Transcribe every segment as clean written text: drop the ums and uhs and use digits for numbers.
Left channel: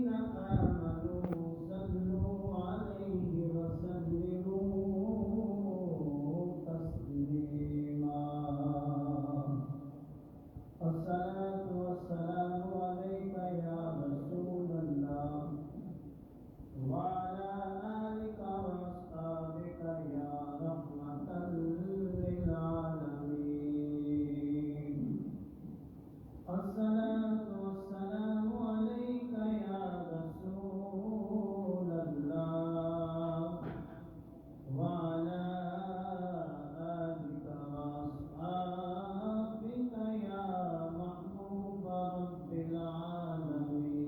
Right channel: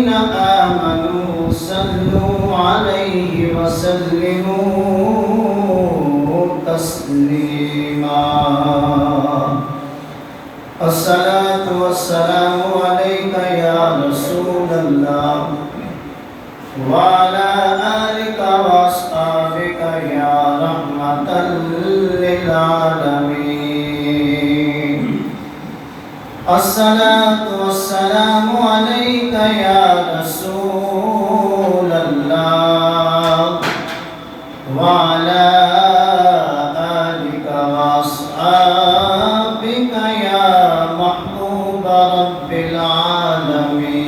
الذين آمنوا صلوا عليه وسلموا تسليما الصلاة والسلام عليك يا رسول الله وعلى آلك وأصحابك يا رحمة للعالمين الصلاة والسلام عليك يا رسول الله وعلى آلك وأصحابك يا محبوب رب العالمين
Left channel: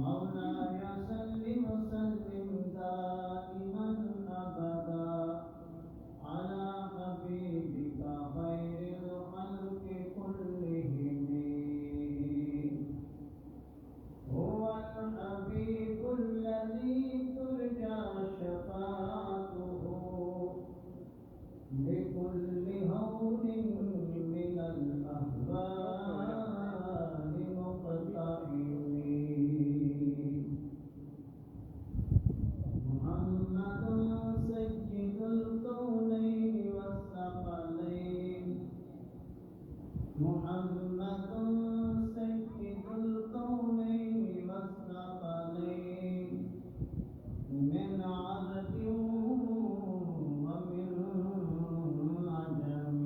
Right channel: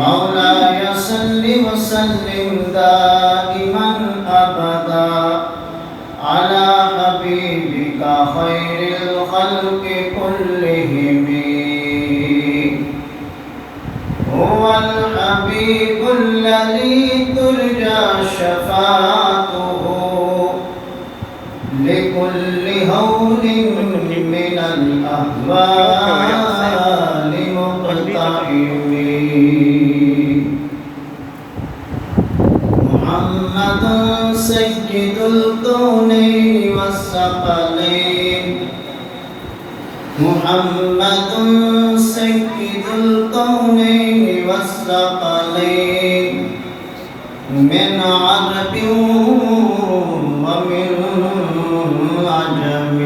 مولاي صل وسلم دائما أبدا على حبيبك خير الخلق كلهم هو الحبيب الذي ترجى شفاعته لكل هول من الأهوال مقتحم محمد سيد الكونين والثقلين محمد سيد الكونين والثقلين من عرب ومن عجم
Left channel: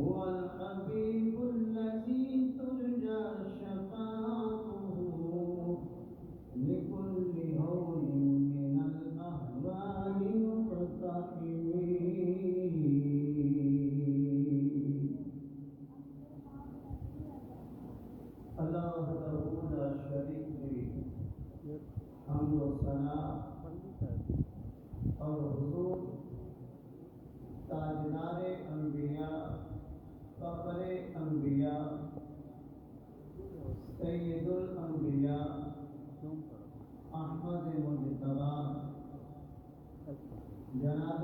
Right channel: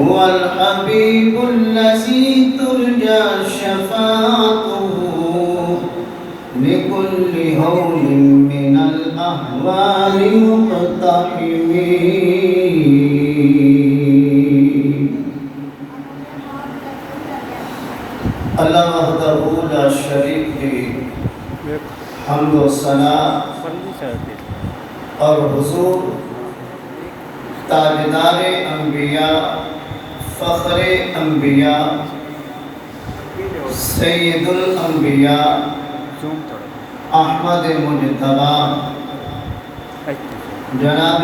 هو الحبيب الذي ترجى شفاعته لكل هول من الأهوال مقتحم اللہ وحدہ لا شریک له حمد و ثنا اور حضور تاجدار انبیاء فخر انبیاء سید الانبیاء احمد مجتبی جناب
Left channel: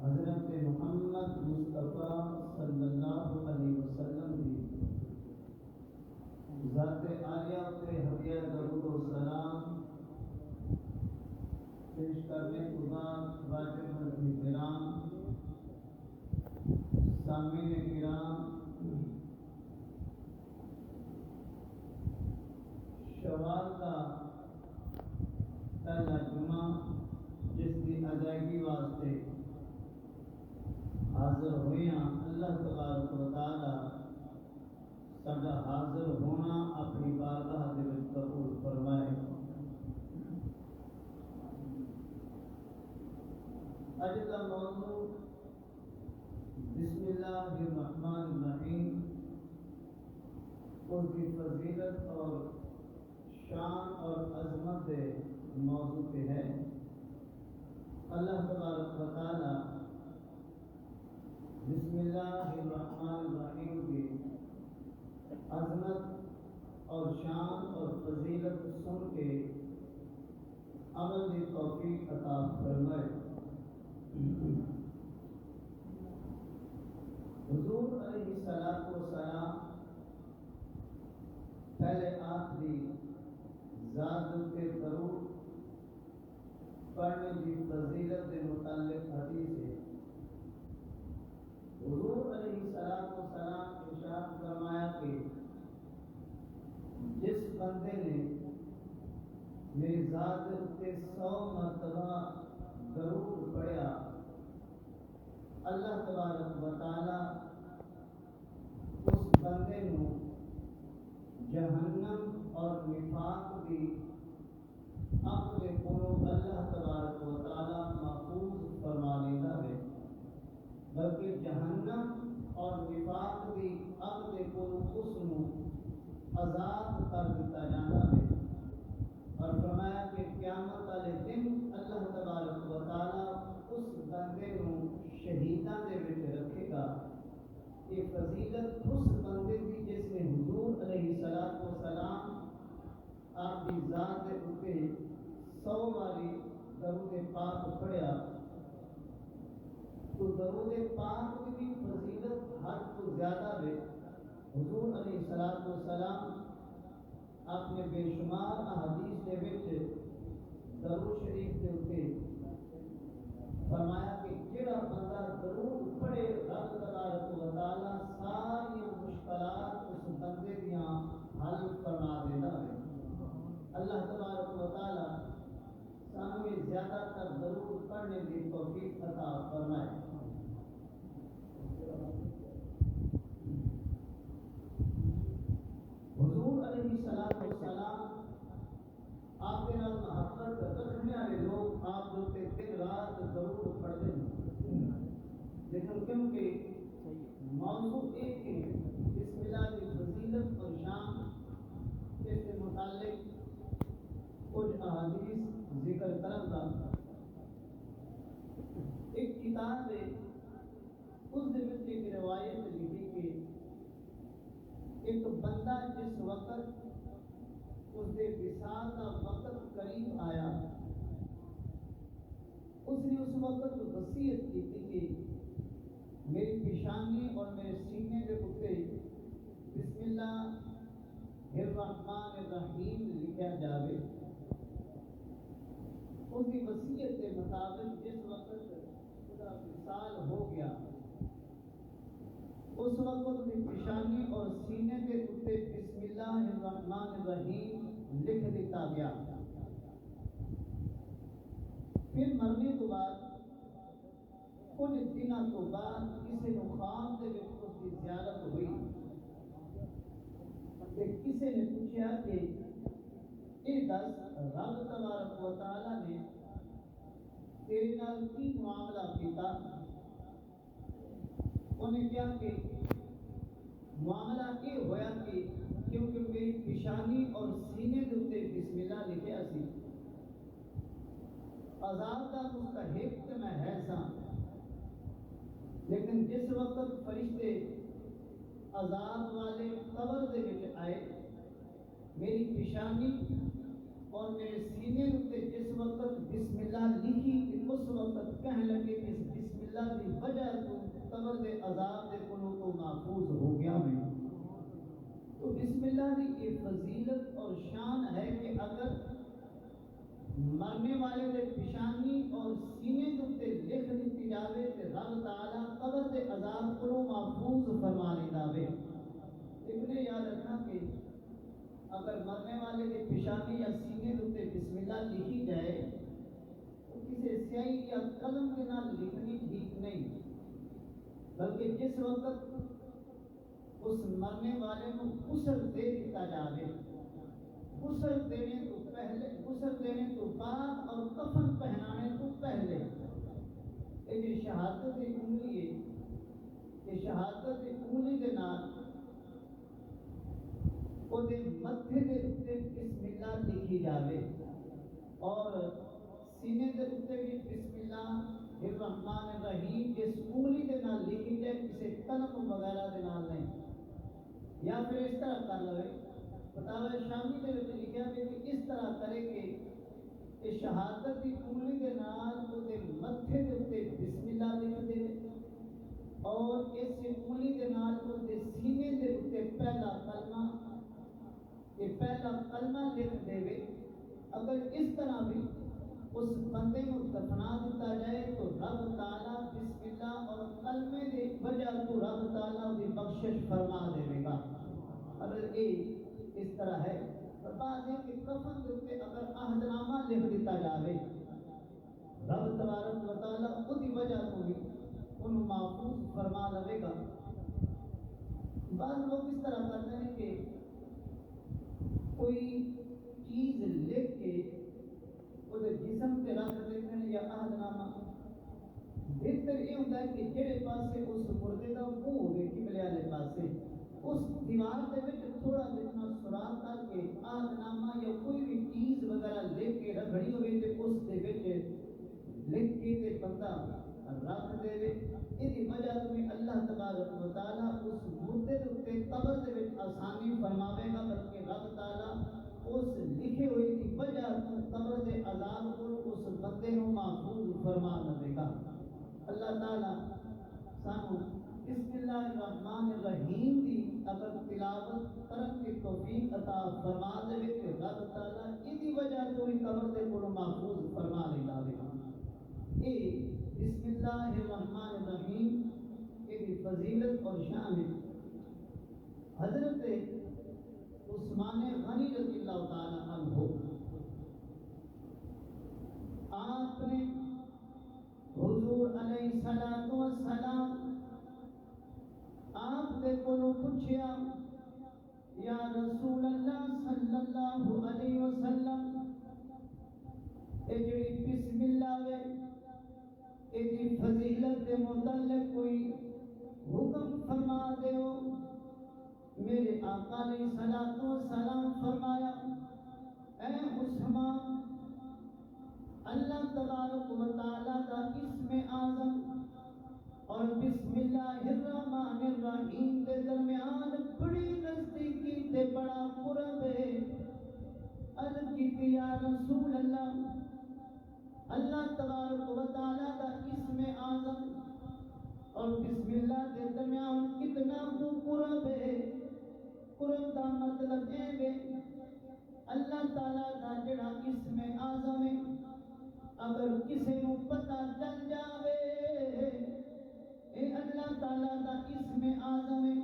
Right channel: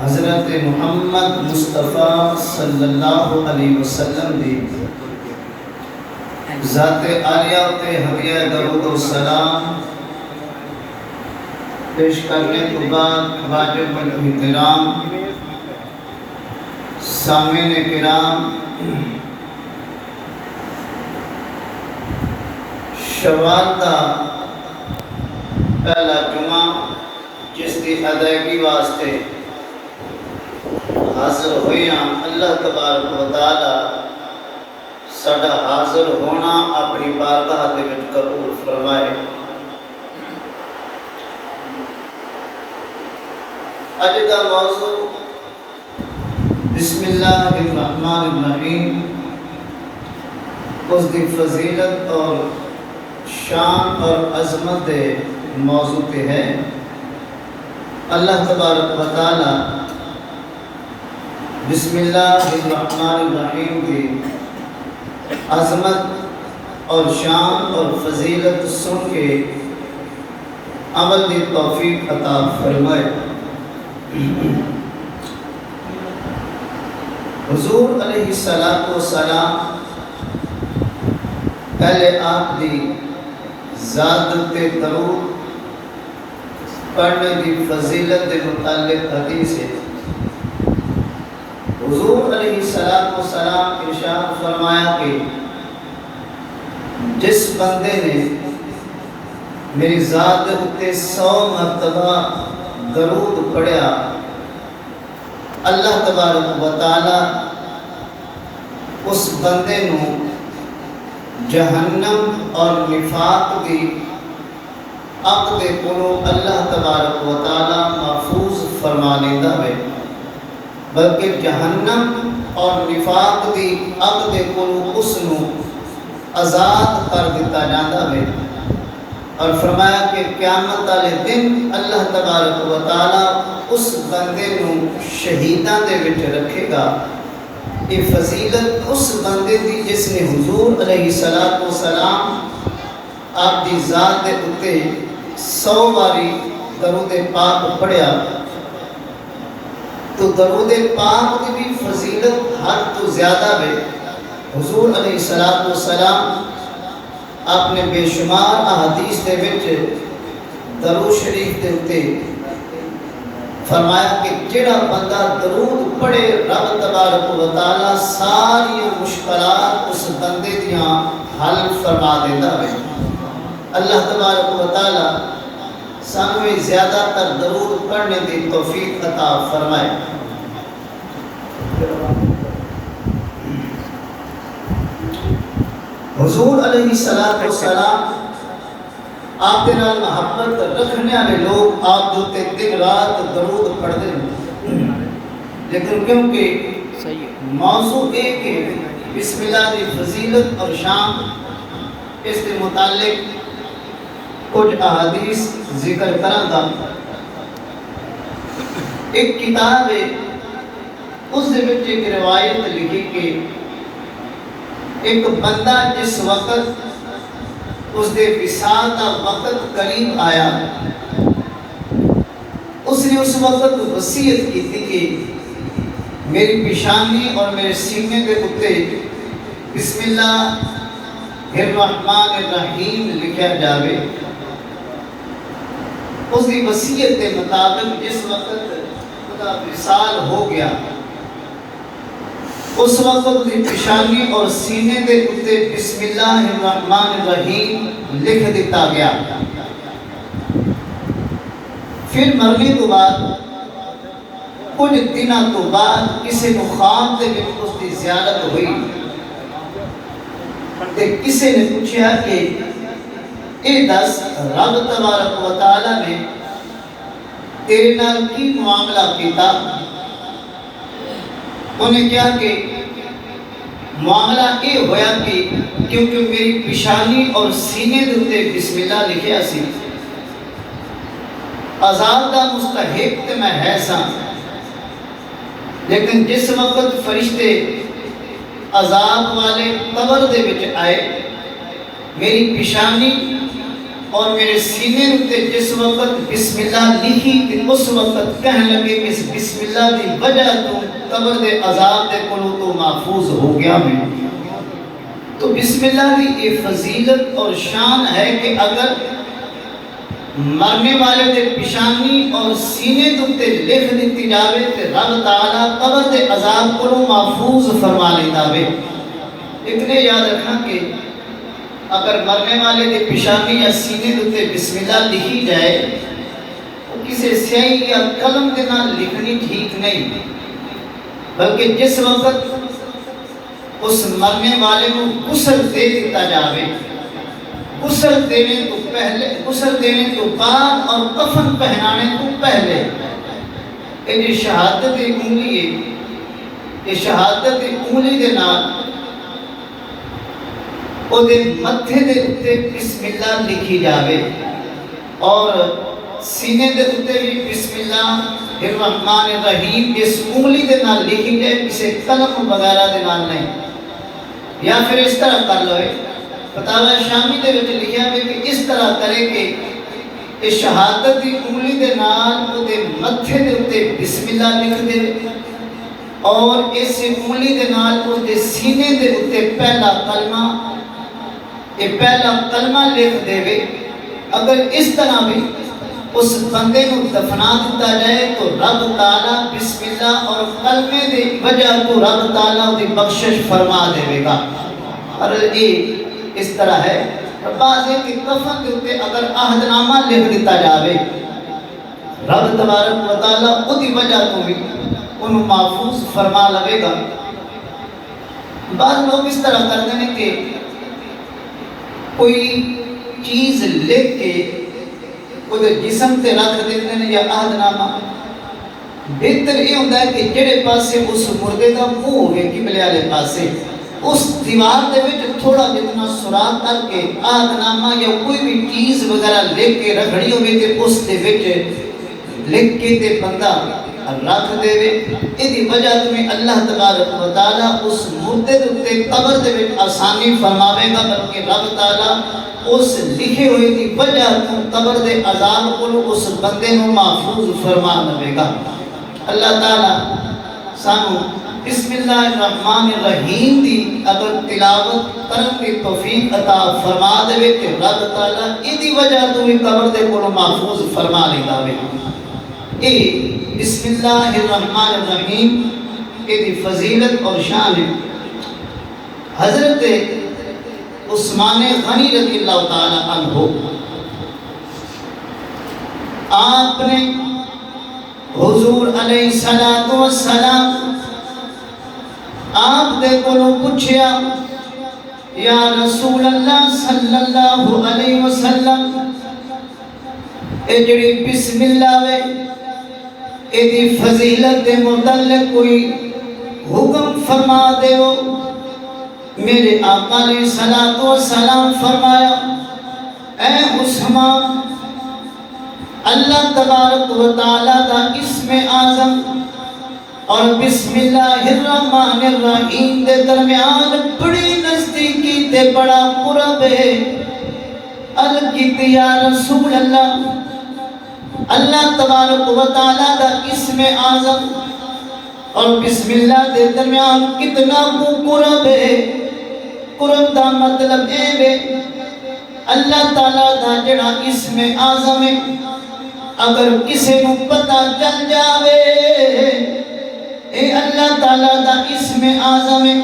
حضرت محمد مصطفیٰ صلی اللہ علیہ وسلم دی ذات عالیہ تے ہدیہ درود و سلام پیش کرنے کے بعد واجب الاحترام سامعین کرام شوال کا پہلا جمعہ جس کی ادائیگی واسطے حاضر ہوئیاں اللہ تبارک و تعالی ساڈا حاضر ہونا اپنی بارگاہ دے وچ قبول فرمائے۔ اج دا موضوع بسم اللہ الرحمن الرحیم اس دی فضیلت اور شان اور عظمت دے موضوع پہ ہے۔ اللہ تبارک و تعالی بسم اللہ الرحمن الرحیم کی عظمت اور شان اور فضیلت سن کے عمل دی توفیق عطا فرمائے۔ حضور علیہ السلام پہلے آپ دی ذات تے درود پڑھنے دی فضیلت دے متعلق حدیث ہے۔ حضور علیہ السلام ارشاد فرمایا کہ جس بندے نے میری ذات تے 100 مرتبہ درود پڑھیا اللہ تبارک و تعالی اس بندے نو جہنم اور نفاق دی اگ دے کولوں اللہ تبارک و تعالی محفوظ فرما لیندا ہے، بلکہ جہنم اور نفاق دی اگ دے کولوں اس نو آزاد کر دیتا جاندا ہے۔ اور فرمایا کہ قیامت والے دن اللہ تبارک و تعالی اس بندے نو شہیداں دے وچ رکھے گا۔ یہ فضیلت اس بندے دی جس نے حضور علیہ السلام آپ دی ذات دے اتے 100 باری درود پاک پڑھیا۔ تو درود پاک کی بھی فضیلت حد تو زیادہ ہے۔ حضور علیہ السلام آپ نے بے شمار احادیث دے وچ درود شریف دے اتے فرمایا کہ جڑا بندہ درود پڑھے رب تبارک و تعالی ساری مشکلات اس بندے دیاں حل فرما دیتا ہے۔ اللہ تبارک و تعالی سانویں زیادہ تر درود پڑھنے دی توفیق عطا فرمائے۔ حضور علیہ السلام آپ کے نال محبت رکھنے والے لوگ آپ دوتے دن رات درود پڑھتے ہیں، لیکن کیونکہ موضوع ایک ہے بسم اللہ دی فضیلت اور شان، اس کے متعلق کچھ احادیث ذکر کروں گا۔ ایک کتاب ہے، اس دے وچ ایک روایت لکھی کہ ایک بندہ جس وقت اس دے وصال دا وقت قریب آیا، اس نے اس وقت وصیت کی تھی کہ میری پیشانی اور میرے سینے کے اوتے بسم اللہ الرحمن الرحیم لکھا جاوے۔ اس کی وصیت کے مطابق جس وقت خدا وصال ہو گیا، اس وقت اس کی پیشانی اور سینے کے اوتے بسم اللہ الرحمن الرحیم لکھ دیتا گیا۔ پھر مرنے تو بعد کچھ دنوں تو بعد کسی کو خواب دے وچ اس کی زیارت ہوئی، تے کسی نے پوچھا کہ اے دس رب تبارک و تعالی نے تیرے نال کی معاملہ کیتا؟ انہیں کہا کہ معاملہ یہ ہویا کہ کیونکہ میری پیشانی اور سینے دے بسم اللہ لکھیا سی، عذاب دا مستحق تے میں ہے سا، لیکن جس وقت فرشتے عذاب والے قبر دے وچ آئے، میری پیشانی اور میرے سینے تے جس وقت بسم اللہ لکھی تے اس وقت کہنے لگے کہ اس بسم اللہ دی وجہ تو قبر دے عذاب دے کولوں تو محفوظ ہو گیا میں۔ تو بسم اللہ دی یہ فضیلت اور شان ہے کہ اگر مرنے والے دے پیشانی اور سینے تے لکھ دیتی جاوے تے رب تعالیٰ قبر دے عذاب کولوں محفوظ فرما لیتا ہے۔ اتنے یاد رکھنا کہ اگر مرنے والے دے پیشانی یا سینے تے بسم اللہ لکھی جائے تو کسی سیاہی یا قلم کے نال لکھنی ٹھیک نہیں، بلکہ جس وقت اس مرنے والے کو غسل دے دیتا جاوے، غسل دینے تو بعد اور کفن پہنانے تو پہلے یہ جو شہادت انگلی ہے، یہ شہادت انگلی دے نال او دے متھے دے اتے بسم اللہ لکھی جاوے اور سینے دے اتے بھی بسم اللہ الرحمن الرحیم اس انگلی دے نال لکھی جائے، کسی قلم وغیرہ دے نال نہیں۔ یا پھر اس طرح کر لوئے، فتاوی شامی دے وچ لکھیا ہے کہ اس طرح کرے کہ اس شہادت دی انگلی دے نال او دے متھے دے اتے بسم اللہ لکھ دے اور اس انگلی دے نال او دے سینے دے اتے پہلا کلمہ لکھ دے وے۔ اگر اس طرح بھی اس بندے کو دفنا دیتا جائے تو رب تعالیٰ بسم اللہ اور کلمے دے وجہ تو رب تعالیٰ دی بخشش فرما دے گا۔ اور یہ اس طرح ہے، بعض ایک کفن کے اوپر اگر عہد نامہ لکھ دیتا جاوے، رب تبارک و تعالیٰ دی وجہ تو بھی انہوں محفوظ فرما لگے گا۔ بعض لوگ اس طرح کرتے ہیں کہ کوئی چیز لکھ کے وہ جسم تے رکھ دیتے ہیں یا عہد نامہ، بہتر یہ ہوتا ہے کہ جڑے پاسے اس مردے کا منہ ہوئے قبلے والے پاسے اس دیوار دے وچ تھوڑا جتنا سوراخ کر کے عہد نامہ یا کوئی بھی چیز وغیرہ لکھ کے رکھڑی ہوئے تے اس دے وچ لکھ کے تے بندہ رکھ دے وے۔ ایدی وجہ تمہیں اللہ تبارک و تعالیٰ اس مردے دے قبر دے وچ آسانی فرماوے گا، بلکہ رب تعالیٰ اس لکھے ہوئے دی وجہ تو قبر دے عذاب کو اس بندے نو محفوظ فرما لے گا۔ اللہ تعالیٰ سانو بسم اللہ الرحمن الرحیم دی اگر تلاوت کرن کی توفیق عطا فرما دے کہ رب تعالیٰ ایدی وجہ تو بھی قبر دے کو محفوظ فرما لیتا ہے. اے بسم اللہ الرحمن الرحیم ایدی فضیلت اور شان ہے. حضرت عثمان غنی رضی اللہ تعالیٰ عنہ آپ نے حضور علیہ السلام آپ دے کو پوچھیا یا رسول اللہ صلی اللہ علیہ وسلم اے جڑی بسم اللہ وے اے دی فضیلت دے متعلق کوئی حکم فرما دے ہو. میرے آقا علیہ السلام فرمایا اے عثمان اللہ تبارک و تعالیٰ دا اسم اعظم اور بسم اللہ الرحمن الرحیم دے درمیان بڑی نزدیکی تے بڑا قرب ہے. الکت یا رسول اللہ اللہ تبارک و تعالیٰ دا اسم اعظم اور بسم اللہ دے درمیان کتنا کو قرب ہے. قرب دا مطلب ہے اللہ تعالیٰ دا جڑا اسم اعظم ہے اگر کسی نو پتہ چل جاوے اے اللہ تعالیٰ دا اسم اعظم ہے.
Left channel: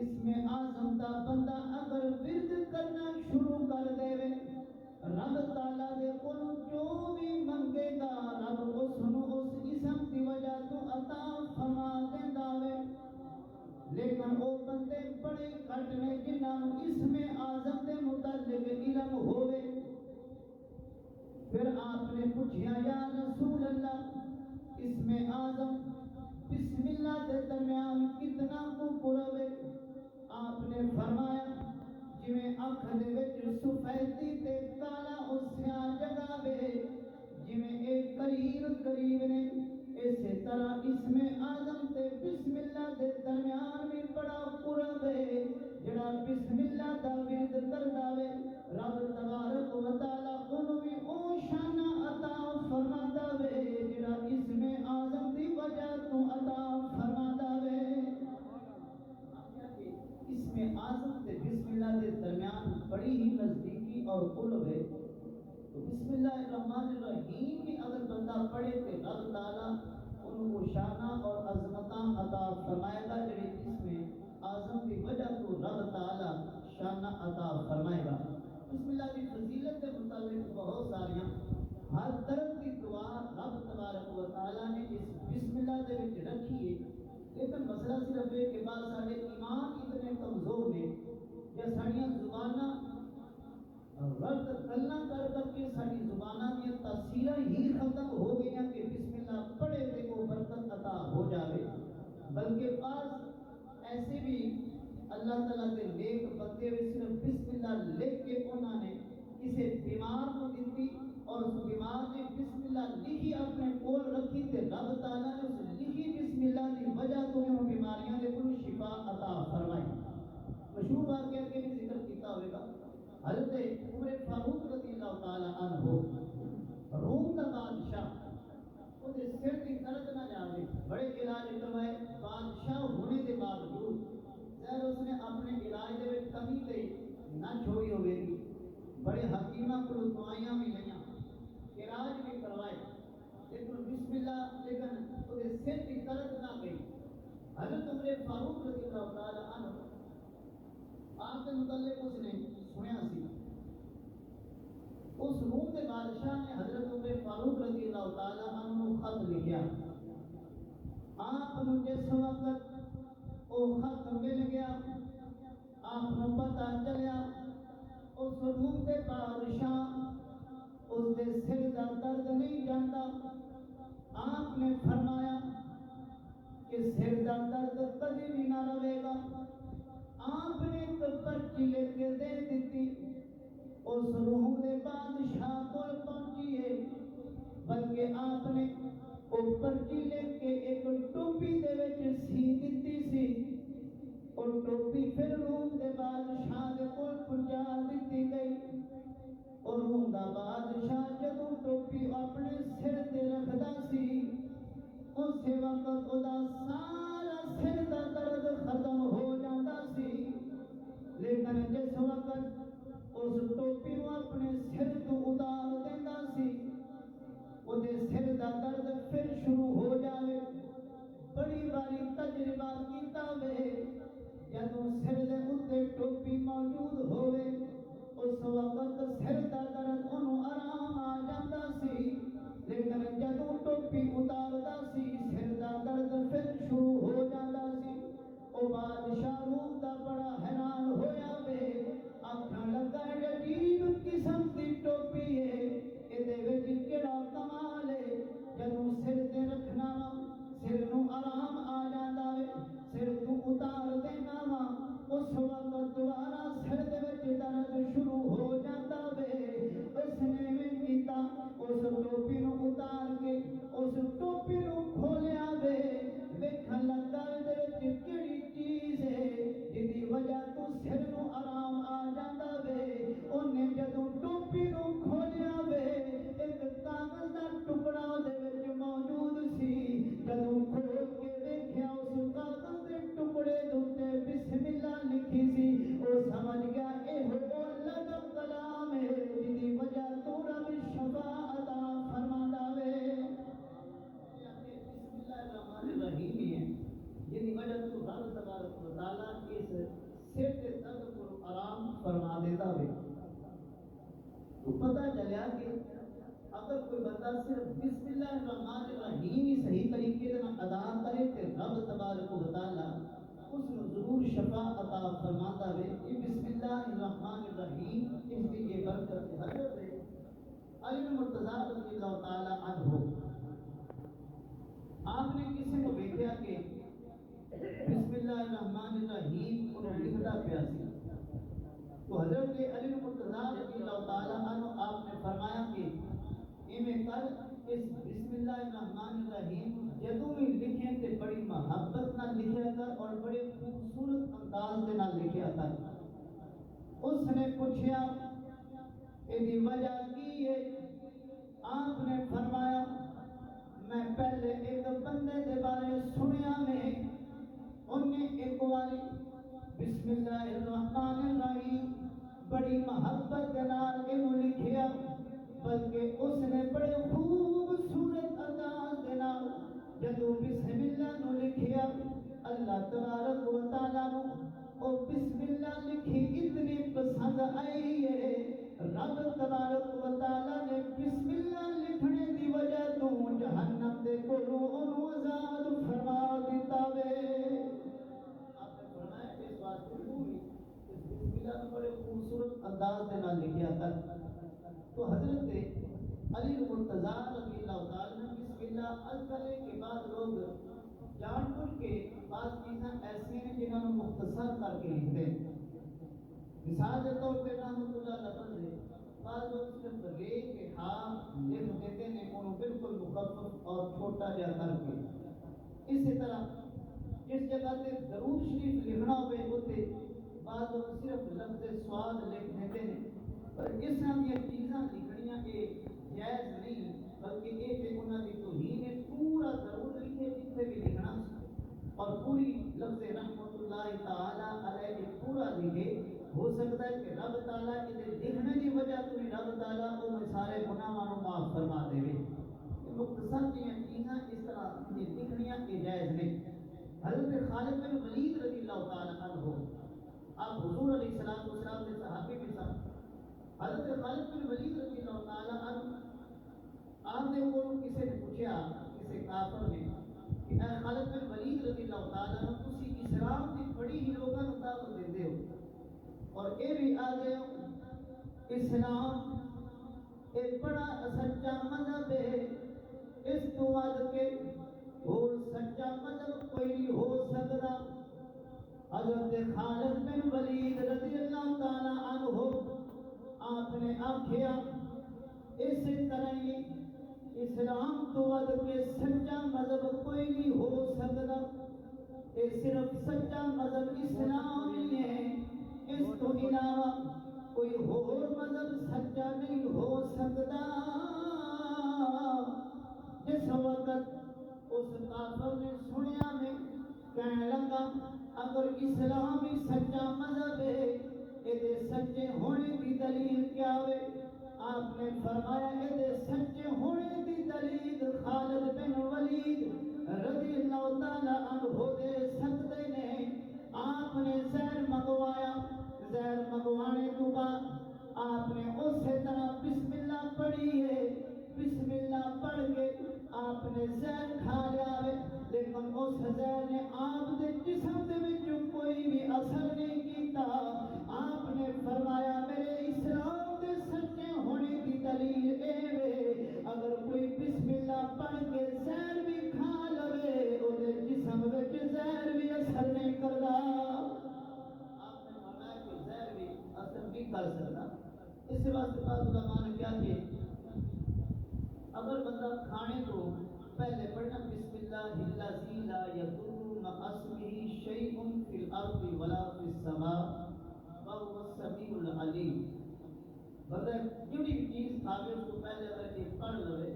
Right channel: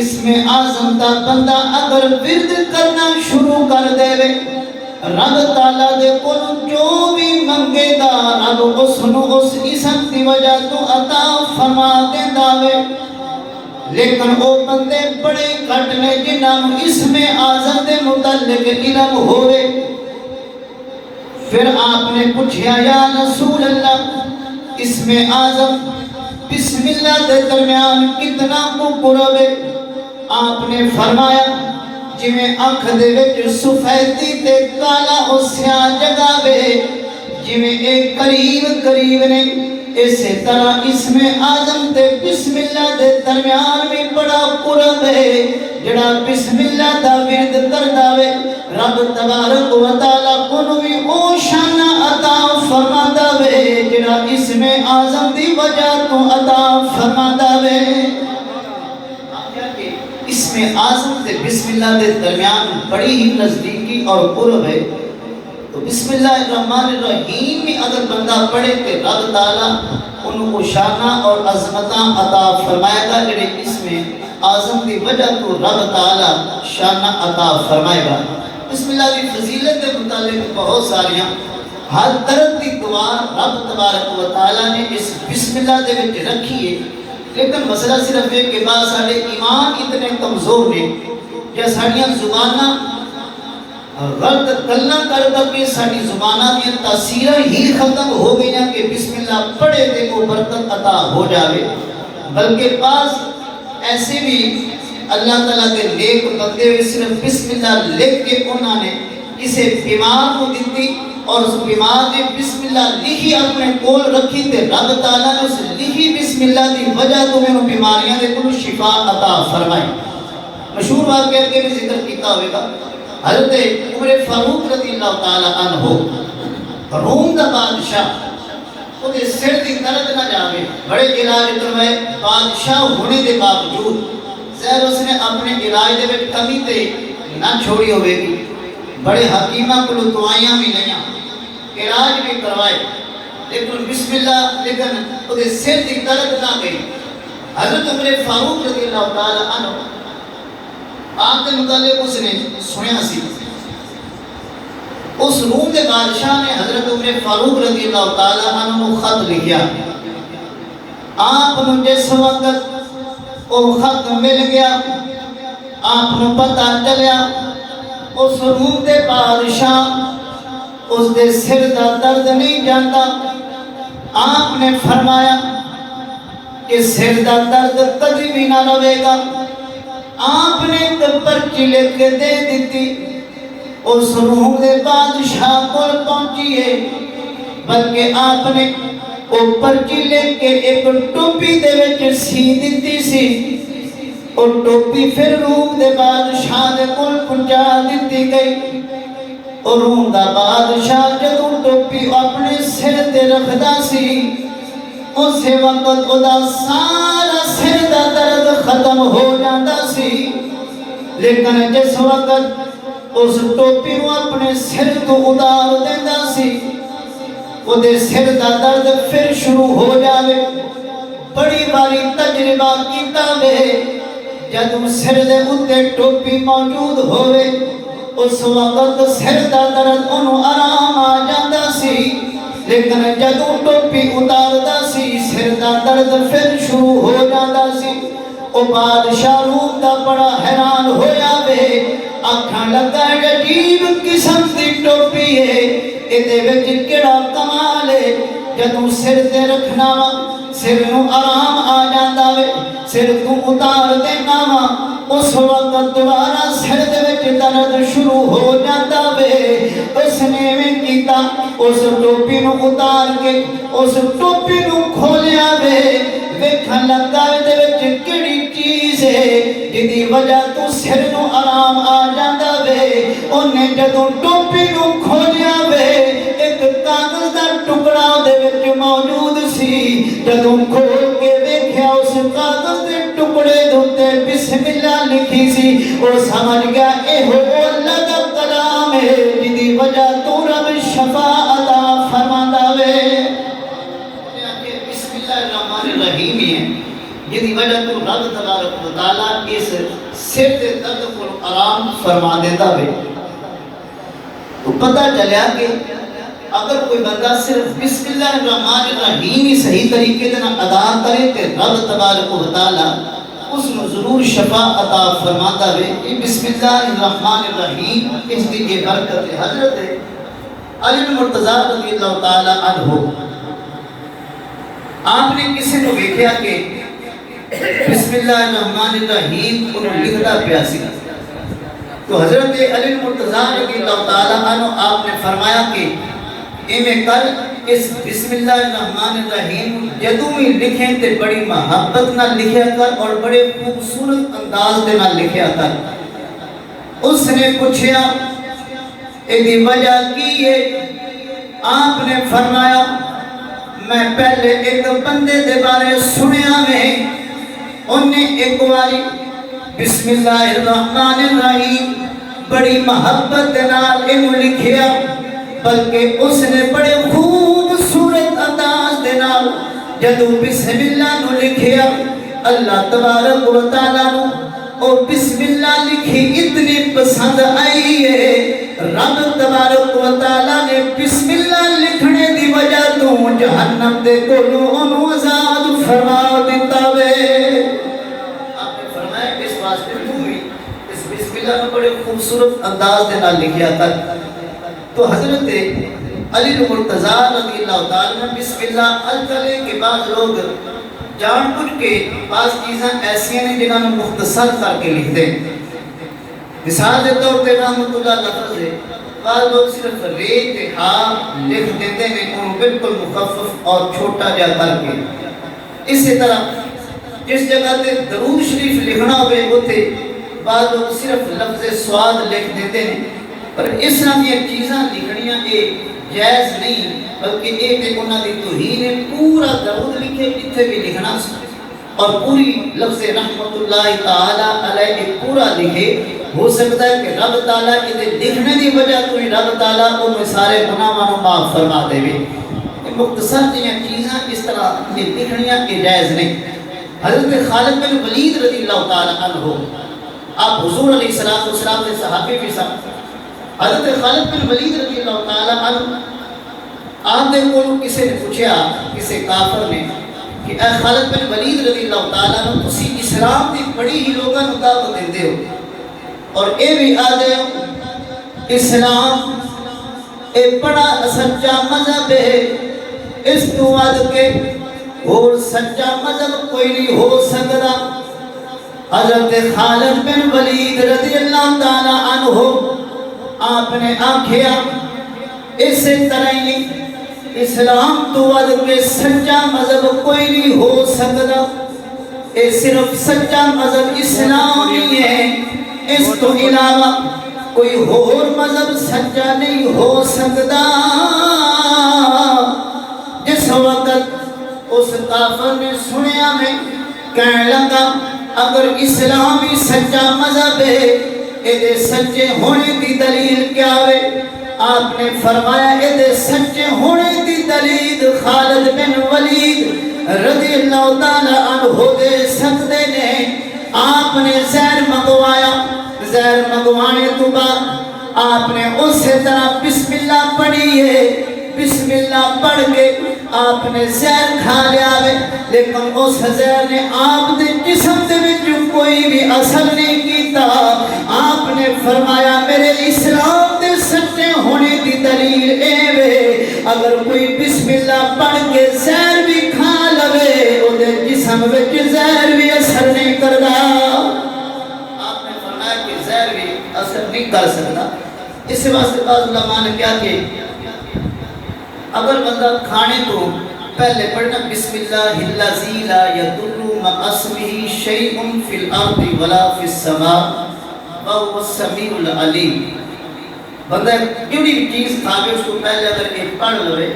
اسم اعظم دا بندہ اگر ورد کرنا شروع کر دے وے رب تعالیٰ دے کول جو بھی منگے دا رب اس نو اس اسم دی وجہ تو عطا فرما دیندا وے. لیکن وہ بندے بڑے گھٹ نے جنہاں اسم اعظم دے متعلق علم ہوئے. پھر آپ نے پوچھا یا رسول اللہ اسم اعظم بسم اللہ دے درمیان کتنا کو قرب ہے. آپ نے فرمایا جویں آنکھ دے وچ سفیدی تے کالا او سیاہ جگہ وے جویں ایک قریب نے اسی طرح اسم اعظم تے بسم اللہ دے درمیان بھی بڑا قرب ہے. جڑا بسم اللہ دا ورد کردا وے رب تبارک و تعالیٰ کو بھی او شان عطا فرماتا وے جڑا اسم اعظم دی وجہ تو عطا فرماتا وے. اسم اعظم تے بسم اللہ دے درمیان بڑی ہی نزدیکی اور قرب ہے. تو بسم اللہ الرحمن الرحیم میں اگر بندہ پڑھے کہ رب تعالیٰ ان کو شانہ اور عظمتاں عطا فرمائے گا جڑے اسم اعظم دی وجہ تو رب تعالیٰ شانہ عطا فرمائے گا. بسم اللہ دی فضیلت کے متعلق بہت ساریاں ہر طرح کی دعا رب تبارک و تعالیٰ نے اس بسم اللہ دے وچ رکھی ہے. لیکن مسئلہ صرف ہے کہ بعض سارے ایمان اتنے کمزور نے کہ ساڑیاں زباناں غلط کلنا کر کے ساری زباناں دی تاثیرہ ہی ختم ہو گئی ہیں کہ بسم اللہ پڑھے تے کو برکت عطا ہو جاوے. بلکہ بعض ایسے بھی اللہ تعالیٰ کے نیک بندے ہوئے صرف بسم اللہ لکھ کے انہوں نے کسی بیمار کو دیتی اور اس بیمار نے بسم اللہ لکھی اپنے کول رکھی تے رب تعالیٰ نے اس لکھی بسم اللہ دی وجہ تو میں انہوں بیماریاں دے کل شفا عطا فرمائی. مشہور واقعہ کے بھی ذکر کیتا ہوئے گا. حضرت عمر فاروق رضی اللہ تعالیٰ عنہ روم دا بادشاہ وہ دے سر دی درد نہ جاوے بڑے علاج کروائے بادشاہ ہونے دے باوجود زہر اس نے اپنے علاج دے وچ کمی تے نہ چھوڑی ہوئے گی. بڑے حکیمہ کو دعائیاں بھی لیاں علاج بھی کروائے لیکن بسم اللہ لیکن وہ دے سر دی درد نہ گئی. حضرت عمر فاروق رضی اللہ تعالیٰ عنہ آپ کے متعلق اس نے سنیا سی. اس روم کے بادشاہ نے حضرت عمر فاروق رضی اللہ تعالیٰ عنہ خط لکھیا. آپ نے جس وقت وہ خط مل گیا آپ نے پتہ چلیا اس روم کے بادشاہ اس دے سر دا درد نہیں جانتا. آپ نے فرمایا کہ سر دا درد کبھی بھی نہ رہے گا. آپ نے ایک پرچی لکھ کے دے دیتی اس روم دے بادشاہ کو پہنچیے بلکہ آپ نے وہ پرچی لکھ کے ایک ٹوپی دے وچ سی دیتی سی. اور ٹوپی پھر روم دے بادشاہ دے کول پہنچا دیتی گئی. اور روم دا بادشاہ جدوں ٹوپی اپنے سر تے رکھدا سی اسے وقت ادا سارا سر دا درد ختم ہو جاتا سی، لیکن جس وقت اس ٹوپی کو اپنے سر تو اتار دینا سی، وہ دے سر دا درد پھر شروع ہو جاوے۔ بڑی باری تجربہ کیتا وے، جدوں سر دے اتے ٹوپی موجود ہوئے اس وقت سر دا درد انہوں آرام آ جاتا سی، لیکن جدوں ٹوپی اتاردا سی سر دا درد پھر شروع ہو جاتا سی۔ او بادشاہ روم دا بڑا حیران ہویا وے، آکھاں لگا ہے عجیب قسم دی ٹوپی ہے، ایدے وچ کیڑا کمال ہے، جدوں سر تے رکھنا وا سر نو آرام آ جاندا وے، سر تو اتار دینا وا اس وقت دوبارہ سر دے وچ درد شروع ہو جاتا وے۔ اس نے میں کیتا اس ٹوپی نو اتار کے اس ٹوپی نو کھولیا وے، ویکھن لگا دے وچ کیڑی چیز ہے جدی وجہ تو سر نو آرام آ جاندا وے۔ اونے جدوں ٹوپی نو کھولیا وے ایک کاغذ دا ٹکڑا دے وچ موجود سی، جدوں کھول کے ویکھیا اس کاغذ دے ٹکڑے دے بسم اللہ لکھی سی، او سمجھ گیا اے ہو اللہ دا کلام ہے جدی وجہ تو رب شفا عطا فرماندا وے۔ بسم اللہ الرحمن الرحیم ہے جدی وجہ تو رب تبارک و تعالی اس سر دے درد کو آرام فرما دیتا وے۔ تو پتہ چلیا کہ اگر کوئی بندہ صرف بسم اللہ الرحمن الرحیم ہی صحیح طریقے سے ادا کرے تو رب تبارک و تعالی اس نے ضرور شفا عطا فرماتا ہے۔ یہ بسم اللہ الرحمن الرحیم اس کی یہ برکت ہے۔ حضرت علی بن مرتضی رضی اللہ تعالی عنہ آپ نے کسی کو دیکھا کہ بسم اللہ الرحمن الرحیم انہوں لکھتا پیاسی، تو حضرت علی بن مرتضی رضی اللہ تعالی عنہ آپ نے فرمایا کہ میں کل اس بسم اللہ الرحمن الرحیم جدوں بھی لکھیں تے بڑی محبت نہ لکھیا کر اور بڑے خوبصورت انداز دے نہ لکھیا کر۔ اس نے پوچھیا ایدی وجہ کی ہے؟ آپ نے فرمایا میں پہلے ایک بندے دے بارے سنیا میں انہیں ایک باری بسم اللہ الرحمن الرحیم بڑی محبت دے نال انہوں لکھیا، بلکہ اس نے بڑے خوبصورت انداز دے نال جدوں بسم اللہ نو لکھیا، اللہ تبارک و تعالیٰ نو اور بسم اللہ لکھی اتنی پسند آئی ہے، رب تبارک و تعالیٰ نے بسم اللہ لکھنے دی وجہ تو جہنم دے کولوں انہوں آزاد فرما دیتا وے۔ آپ نے فرمایا اس واسطے تو بھی اس بسم اللہ نو بڑے خوبصورت انداز دے نال لکھیا تھا۔ تو حضرت علی بن مرتضی رضی اللہ تعالیٰ عنہ بسم اللہ الکلے کے بعد لوگ جان بوجھ کے بعض چیزاں ایسی ہیں جنہاں نے مختصر کر کے لکھ دیں۔ مثال دے طور پہ رحمت اللہ لفظ ہے، بعض لوگ صرف رے تے ہا لکھ دیتے ہیں انہوں بالکل مخفف اور چھوٹا جا کر کے۔ اسی طرح جس جگہ تے درود شریف لکھنا ہوئے ہوتے بعض لوگ صرف لفظ سواد لکھ دیتے ہیں، پر اس طرح کی چیزاں لکھنیاں ایک جائز نہیں، بلکہ ایک انہاں دی توہین ہے۔ پورا درود لکھے اتنے بھی لکھنا اور پوری لفظ رحمت اللہ تعالیٰ علیہ پورا لکھے، ہو سکتا ہے کہ رب تعالیٰ ادھے لکھنے دی وجہ تو ہی رب تعالیٰ انہیں سارے گناہوں معاف فرما دے بھی۔ مختصر جیاں چیزاں اس طرح یہ لکھنیاں کی جائز نہیں۔ حضرت خالد بن ولید رضی اللہ تعالیٰ عنہ آپ حضور علیہ السلام کے صحابی بھی ساتھ، حضرت خالد بن ولید رضی اللہ تعالیٰ عنہ آپ نے کو کسی نے پوچھا، کسی کافر نے کہ اے خالد بن ولید رضی اللہ تعالیٰ عنہ تسی اسلام دی بڑی ہی لوگاں نوں دعوت دیندے ہو اور اے بھی آدھے ہو اسلام اے بڑا سچا مذہب ہے، اس تو آدھ کے اور سچا مذہب کوئی نہیں ہو سکتا۔ حضرت خالد بن ولید رضی اللہ تعالیٰ عنہ آپ نے آنکھیا اس طرح ہی اسلام تو ود کے سچا مذہب کوئی نہیں ہو سکتا، اے صرف سچا مذہب اسلام ہی ہے، اس تو علاوہ کوئی اور مذہب سچا نہیں ہو سکتا۔ جس وقت اس کافر نے سنیا میں کہنے لگا اگر اسلام ہی سچا مذہب ہے اے سچے ہونے دی دلیل کیا ہے؟ آپ نے فرمایا اے سچے ہونے دی دلیل خالد بن ولید رضی اللہ تعالی عنہ دے سکتے نے۔ آپ نے زہر منگوایا، زہر منگوانے تو بعد آپ نے اسی طرح بسم اللہ پڑھی ہے، بسم اللہ پڑھ کے آپ نے زہر کھا لیا ہے، لیکن اس زہر نے آپ دے جسم دے وچ کوئی بھی اثر نہیں کیتا۔ آپ نے فرمایا میرے اسلام دے سچے ہونے دی دلیل اے وے اگر کوئی بسم اللہ پڑھ کے زہر بھی کھا لوے او دے جسم وچ زہر بھی اثر نہیں کردا۔ آپ نے فرمایا کہ زہر بھی اثر نہیں کر سکتا۔ اس واسطے بعض علماء نے کیا کہ اگر بندہ کھانے تو پہلے پڑھنا بسم اللہ الذی لا یضر مع اسمہ شیء فی الارض ولا فی السماء وهو السمیع العلیم۔ بندہ جڑی بھی چیز کھاوے اس کو پہلے اگر ایک پڑھ لوے،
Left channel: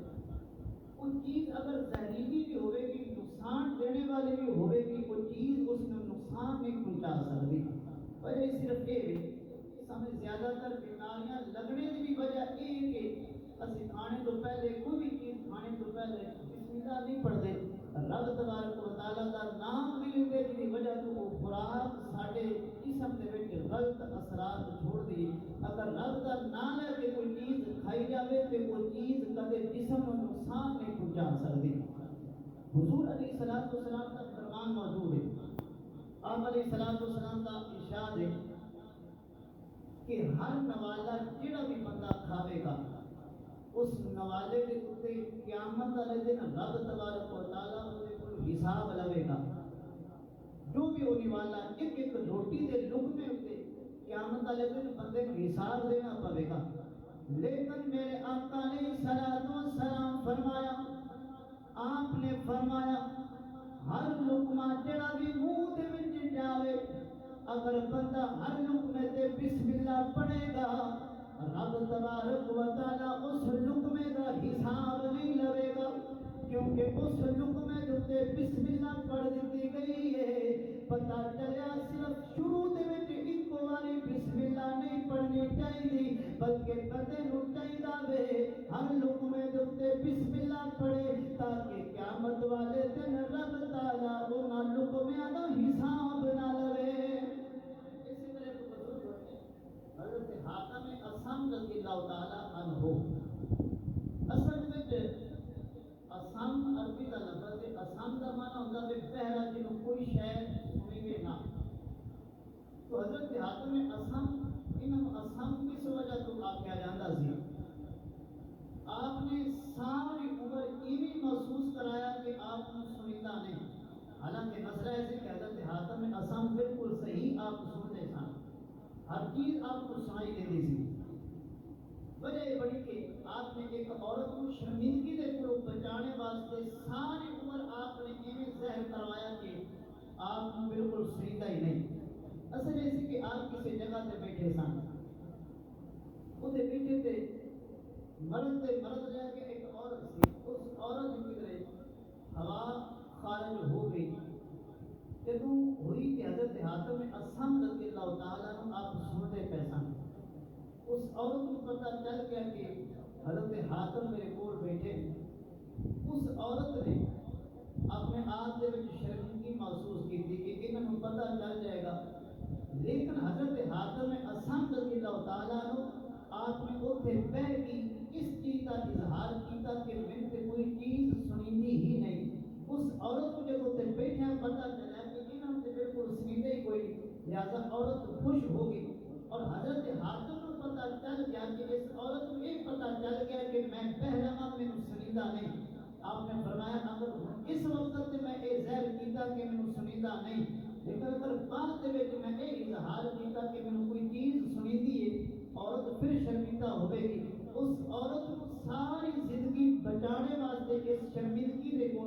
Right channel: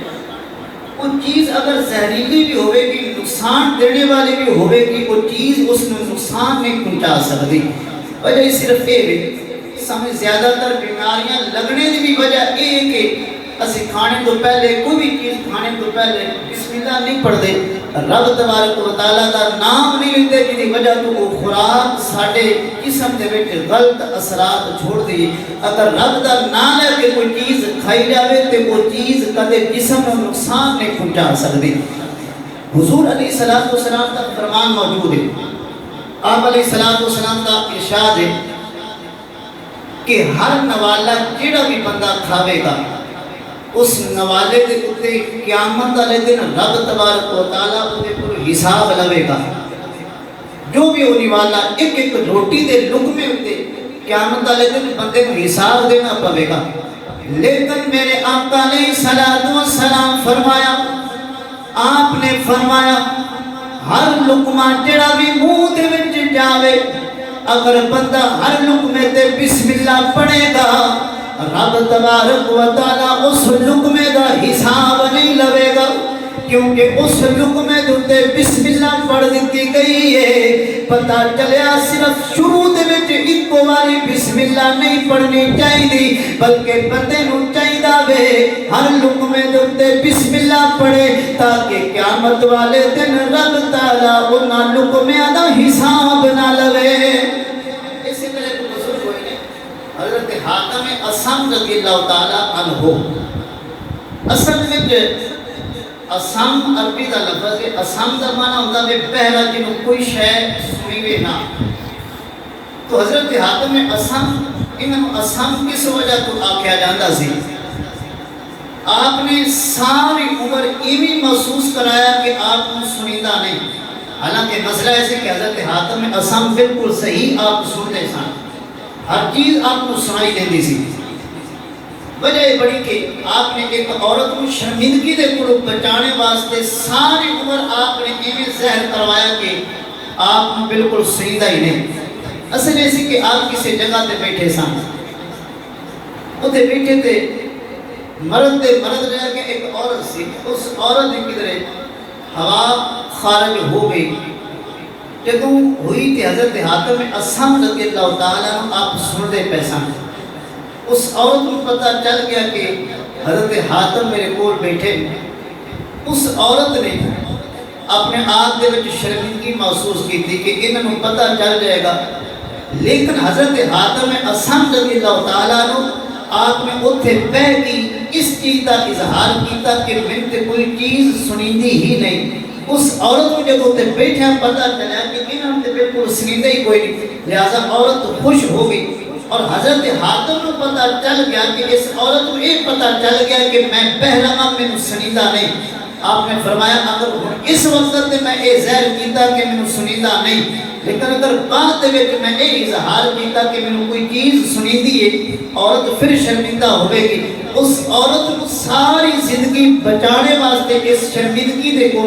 وہ چیز اگر زہریلی بھی ہوئے گی، نقصان دینے والی بھی ہوئے گی، وہ چیز اس میں نقصان نہیں پہنچا سکتی۔ وجہ صرف یہ ہے سمجھ زیادہ تر بیماریاں لگنے کی بھی وجہ یہ ہے کہ اسی کھانے تو پہلے کوئی بھی چیز کھانے تو پہلے بسم اللہ نہیں پڑھ دے، رب تبارک و تعالیٰ دا نام نہیں لیندے، جی وجہ تو وہ خوراک ساڑھے جسم دے وچ غلط اثرات چھوڑ دی۔ اگر رب دا نام لے کے کوئی چیز کھائی جاوے تو وہ چیز کدے جسم میں نقصان نہیں پہنچا سکتی۔ حضور علیہ السلام کا فرمان موجود ہے، آپ علیہ السلام کا ارشاد ہے کہ ہر نوالا جڑا بھی بندہ کھاوے گا اس نوالے دے اتے قیامت والے دن رب تبارک و تعالیٰ اتے پر حساب لوے گا۔ جو بھی وہ نوالا ایک ایک روٹی دے لقمے اتے قیامت والے دن بندے کو حساب دینا پوے گا۔ لیکن میرے آقا علیہ السلام فرمایا، آپ نے فرمایا ہر لقمہ جڑا بھی منہ دے وچ جاوے اگر بندہ ہر لقمے تے بسم اللہ پڑھے گا رب تبارک و تعالیٰ اس لقمے دا حساب نہیں لوے گا، کیونکہ اس لقمے دوتے بسم اللہ پڑھ دیتی گئی ہے۔ پتہ چلیا صرف شروع دے وچ ایک باری بسم اللہ نہیں پڑھنی چاہیے، بلکہ بندے نو چاہیدا وے ہر لقمے دوتے بسم اللہ پڑھے تاکہ قیامت والے دن رب تعالیٰ انہاں لقمیاں دا حساب نہ لوے۔ حضرت حاتم اسم رضی اللہ تعالیٰ عنہ، اصل میں اسم عربی دا لفظ ہے، اسم دا معنی ہوتا ہے پہلا جنہوں کوئی شے سنی وے نہ۔ تو حضرت حاتم اسم انہوں اسم کس وجہ تو آکھیا جاندہ سی؟ آپ نے ساری عمر ایمی محسوس کرایا کہ آپ کو سنیدہ نہیں، حالانکہ مسئلہ ایسے کہ حضرت حاتم اسم بالکل صحیح آپ سنتے سن، ہر چیز آپ کو سنائی دیندی سی۔ وجہ یہ بڑی کہ آپ نے ایک عورت کو شرمندگی دے کو بچانے واسطے ساری عمر آپ نے ایویں زہر کروایا کہ آپ کو بالکل سنیدہ ہی نہیں۔ اصل ایسی کہ آپ کسی جگہ تے بیٹھے سن، اتنے بیٹھے تھے، مرد رہ کے ایک عورت سی، اس عورت کی کدھر ہوا خارج ہو گئی، جدوں ہوئی تھی حضرت حاتم اسم رضی اللہ تعالیٰ آپ سن دے پیسان۔ اس عورت کو پتہ چل گیا کہ حضرت حاتم میرے کول بیٹھے۔ اس عورت نے اپنے آپ دے وچ شرمندگی محسوس کی تھی کہ انہوں پتہ چل جائے گا، لیکن حضرت حاتم اسم رضی اللہ تعالیٰ آپ نے اتھے بہ کی اس چیز کا اظہار کیتا کہ میں تے کوئی چیز سنیندی ہی نہیں۔ اس عورت کو جب اتنے بیٹھے پتہ چلا کہ انہوں نے بالکل سنیدہ ہی کوئی نہیں، لہذا عورت خوش ہو گئی، اور حضرت حاتم کو پتہ چل گیا کہ اس عورت کو یہ پتہ چل گیا کہ میں پہلا میں سنیدہ نہیں۔ آپ نے فرمایا اگر اس وقت میں یہ زہر کیتا کہ میں سنیدہ نہیں، لیکن اگر بعد میں یہ اظہار کیتا کہ میں کوئی چیز سنیدی ہے، عورت پھر شرمندہ ہوئے گی۔ اس عورت کو ساری زندگی بچانے واسطے اس شرمندگی دے کو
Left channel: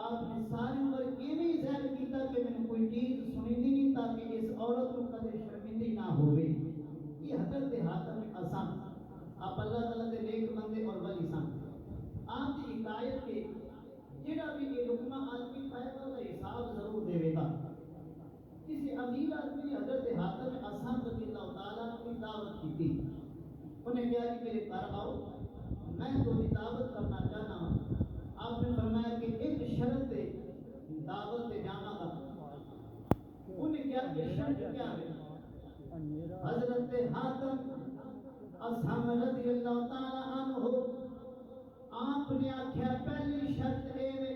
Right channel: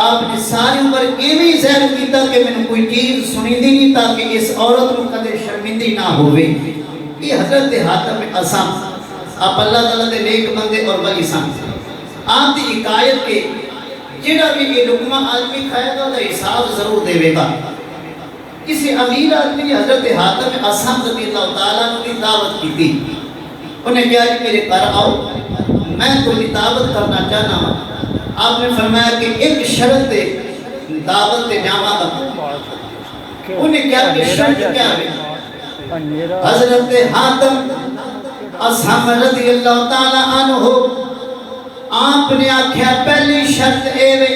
آپ نے ساری عمر ایویں زہر کیتا کہ میں کوئی چیز سنیدی نہیں تاکہ اس عورت کو کدے شرمندی نہ ہوئے۔ یہ حضرت حاتم اسم آپ اللہ تعالیٰ دے نیک بندے اور ولی سن۔ آپ دی حکایت کے جڑا بھی یہ لقمہ آدمی کھائے گا وہ حساب ضرور دے گا. کسی امیر آدمی نے حضرت حاتم اصم رضی اللہ تعالیٰ کی دعوت کی تھی. انہیں کہا کہ میرے گھر آؤ، میں تمہیں دعوت کرنا چاہنا ہوں. آپ نے فرمایا کہ ایک شرط دعوت جاوا گا. انہیں کیا کہ شرط کیا ہے؟ حضرت حاتم اصحاب رضی اللہ تعالیٰ عنہ آپ نے آکھیا پہلی شرط اے وے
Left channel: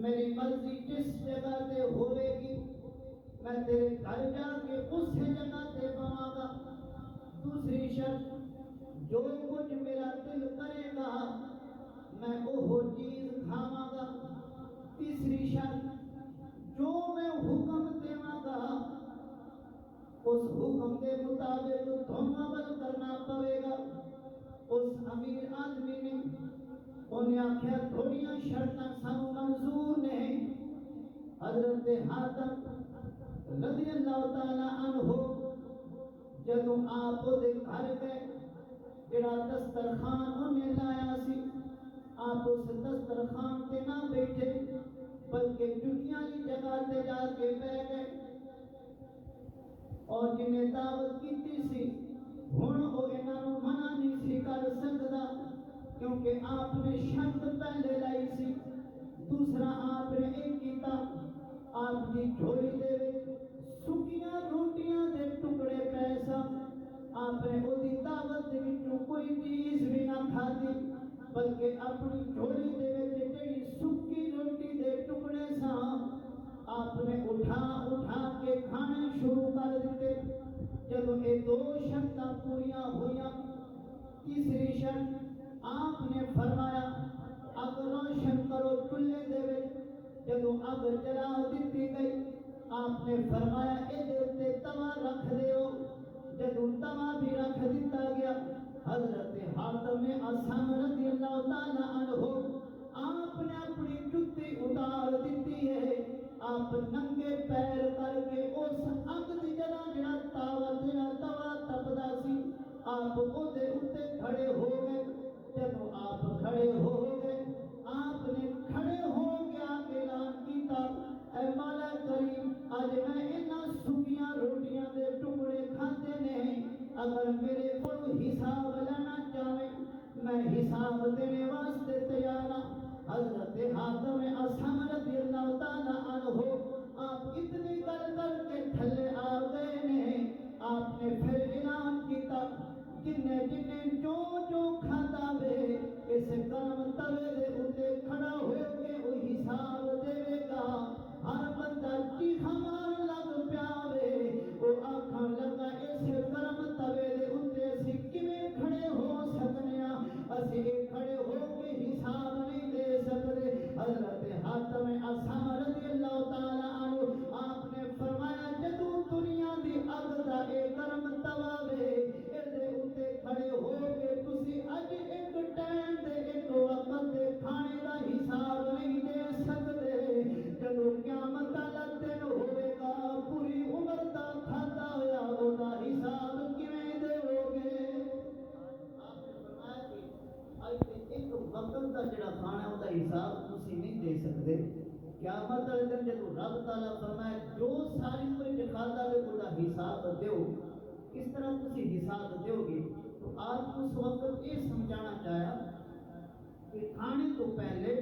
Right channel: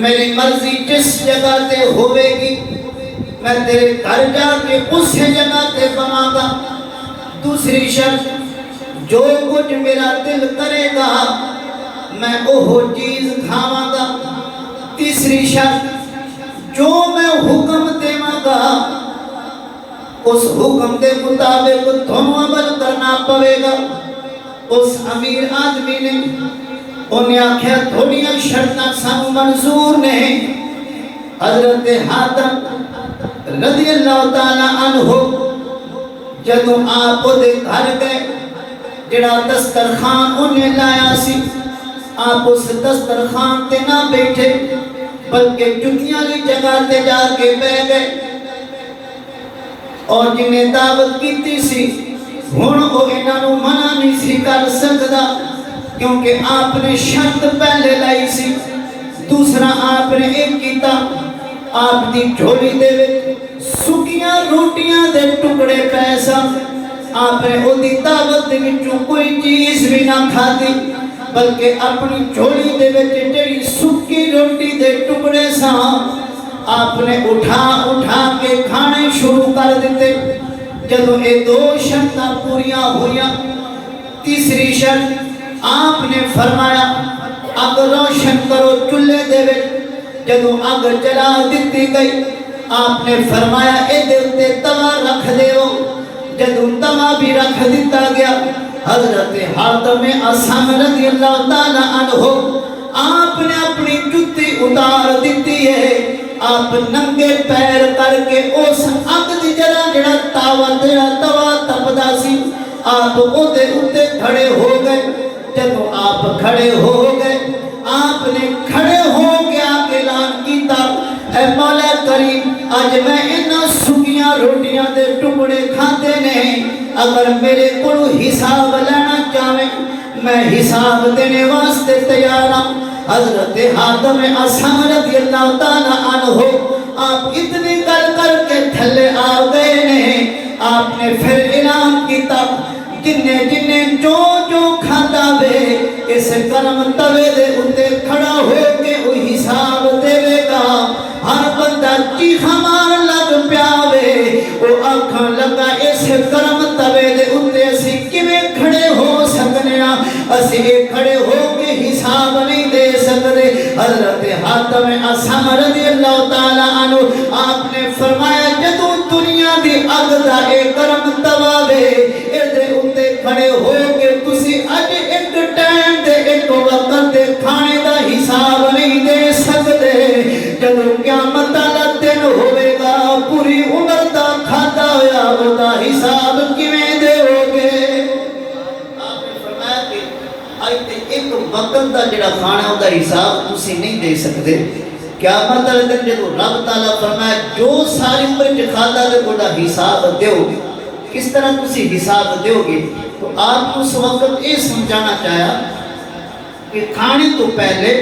میری مرضی جس جگہ تے ہوئے گی میں تیرے گھر جا کے اس جگہ تے بنا گا. دوسری شرط جو کچھ میرا دل کرے گا میں وہ چیز کھاواں گا. تیسری شرط جو میں حکم دیواں گا اس حکم دے مطابق تھانوں عمل کرنا پوے گا. اس امیر آدمی نے انہیں آکھیا تھوڑیاں شرطاں سانوں منظور نہیں. حضرت حاتم رضی اللہ تعالیٰ عنہ جدوں آپ دے گھر گئے جڑا دسترخوان انہیں لایا سی آپ اس دسترخوان تے نہ بیٹھے بلکہ جتیاں لی جگہ تے جا کے بیٹھ گئے. اور جنہیں دعوت کیتی سی ہن او انہاں نوں منع نہیں سی کر سکدا کیونکہ آپ نے شرط پہلے لائی سی. دوسرا آپ نے ایک کیتا آپ دی جھولی دے وچ سکیاں روٹیاں دے ٹکڑے پیسا آپ نے او دی دعوت دے وچوں کوئی چیز بھی نہ کھادی بلکہ اپنی جھولی دے وچ جڑی سکی روٹی دے ٹکڑے سا آپ نے اٹھا کے کھانے شروع کر دیتے. جدوں یہ دو شرطاں پوریاں ہویاں تیسری شرط آپ نے فرمایا اگ روشن کرو چولہے دے وچ. جدوں اگ جلا دتی گئی آپ نے فرمایا اے دے تے توا رکھ دیو. جدوں توا بھی رکھ دیتا گیا حضرت حاتم اصم رضی اللہ تعالیٰ عنہ آپ نے اپنی جُتی اتار دیتی ہے. آپ ننگے پیر کر کے اس اگ دی جڑا توا تپدا سی آپ اودے اتے کھڑے ہو گئے. جدوں آپ کھڑے ہو گئے آپ نے کھڑے ہو کے اعلان کیتا اے مولا کریم اج میں انہاں سکیاں روٹیاں دے ٹکڑے کھاندے نہیں اگر میرے کولوں حساب لینا چاہے میں حساب دینے واسطے تیار ہوں. حضرت حاتم اصم رضی اللہ تعالیٰ عنہ آپ اتنی گل کر کے تھلے آ گئے نے. آپ نے پھر اعلان کیتا جنہیں جو کھاتا وے اس کرم توے دے اتے کھڑا ہو کے وہ حساب دے گا. ہر بندہ چیخا مار لگ پیاوے وہ آنکھاں لگا اس کرم توے دے اتے اسی کیویں کھڑے ہو سکنے اسی کھڑے ہو کے حساب نہیں دے سکتے. حضرت حاتم اصم رضی اللہ تعالیٰ عنہ آپ نے فرمایا جدوں دنیا دی اگ دا اے کرم توا وے اے دے اتے کھڑے ہو کے تسی اج ایک ٹائم دے ایک وقت دے کھانے دا حساب نہیں دے سکتے. جدوں قیامت والا دن ہوے گا پوری عمر دا کھادا ہویا او دا حساب کیویں دیو گے. آپ نے فرمایا کہ اج تے ایک وقت دا جڑا کھانا او دا حساب تسی نہیں دے سکتے. قیامت والے دن جدوں رب تعالیٰ فرمایا جو ساری عمر وچ کھادا تے او دا حساب دیو کس طرح تسی حساب دیو گے. تو آپ کو اس وقت یہ سمجھانا چاہیا کہ کھانے تو پہلے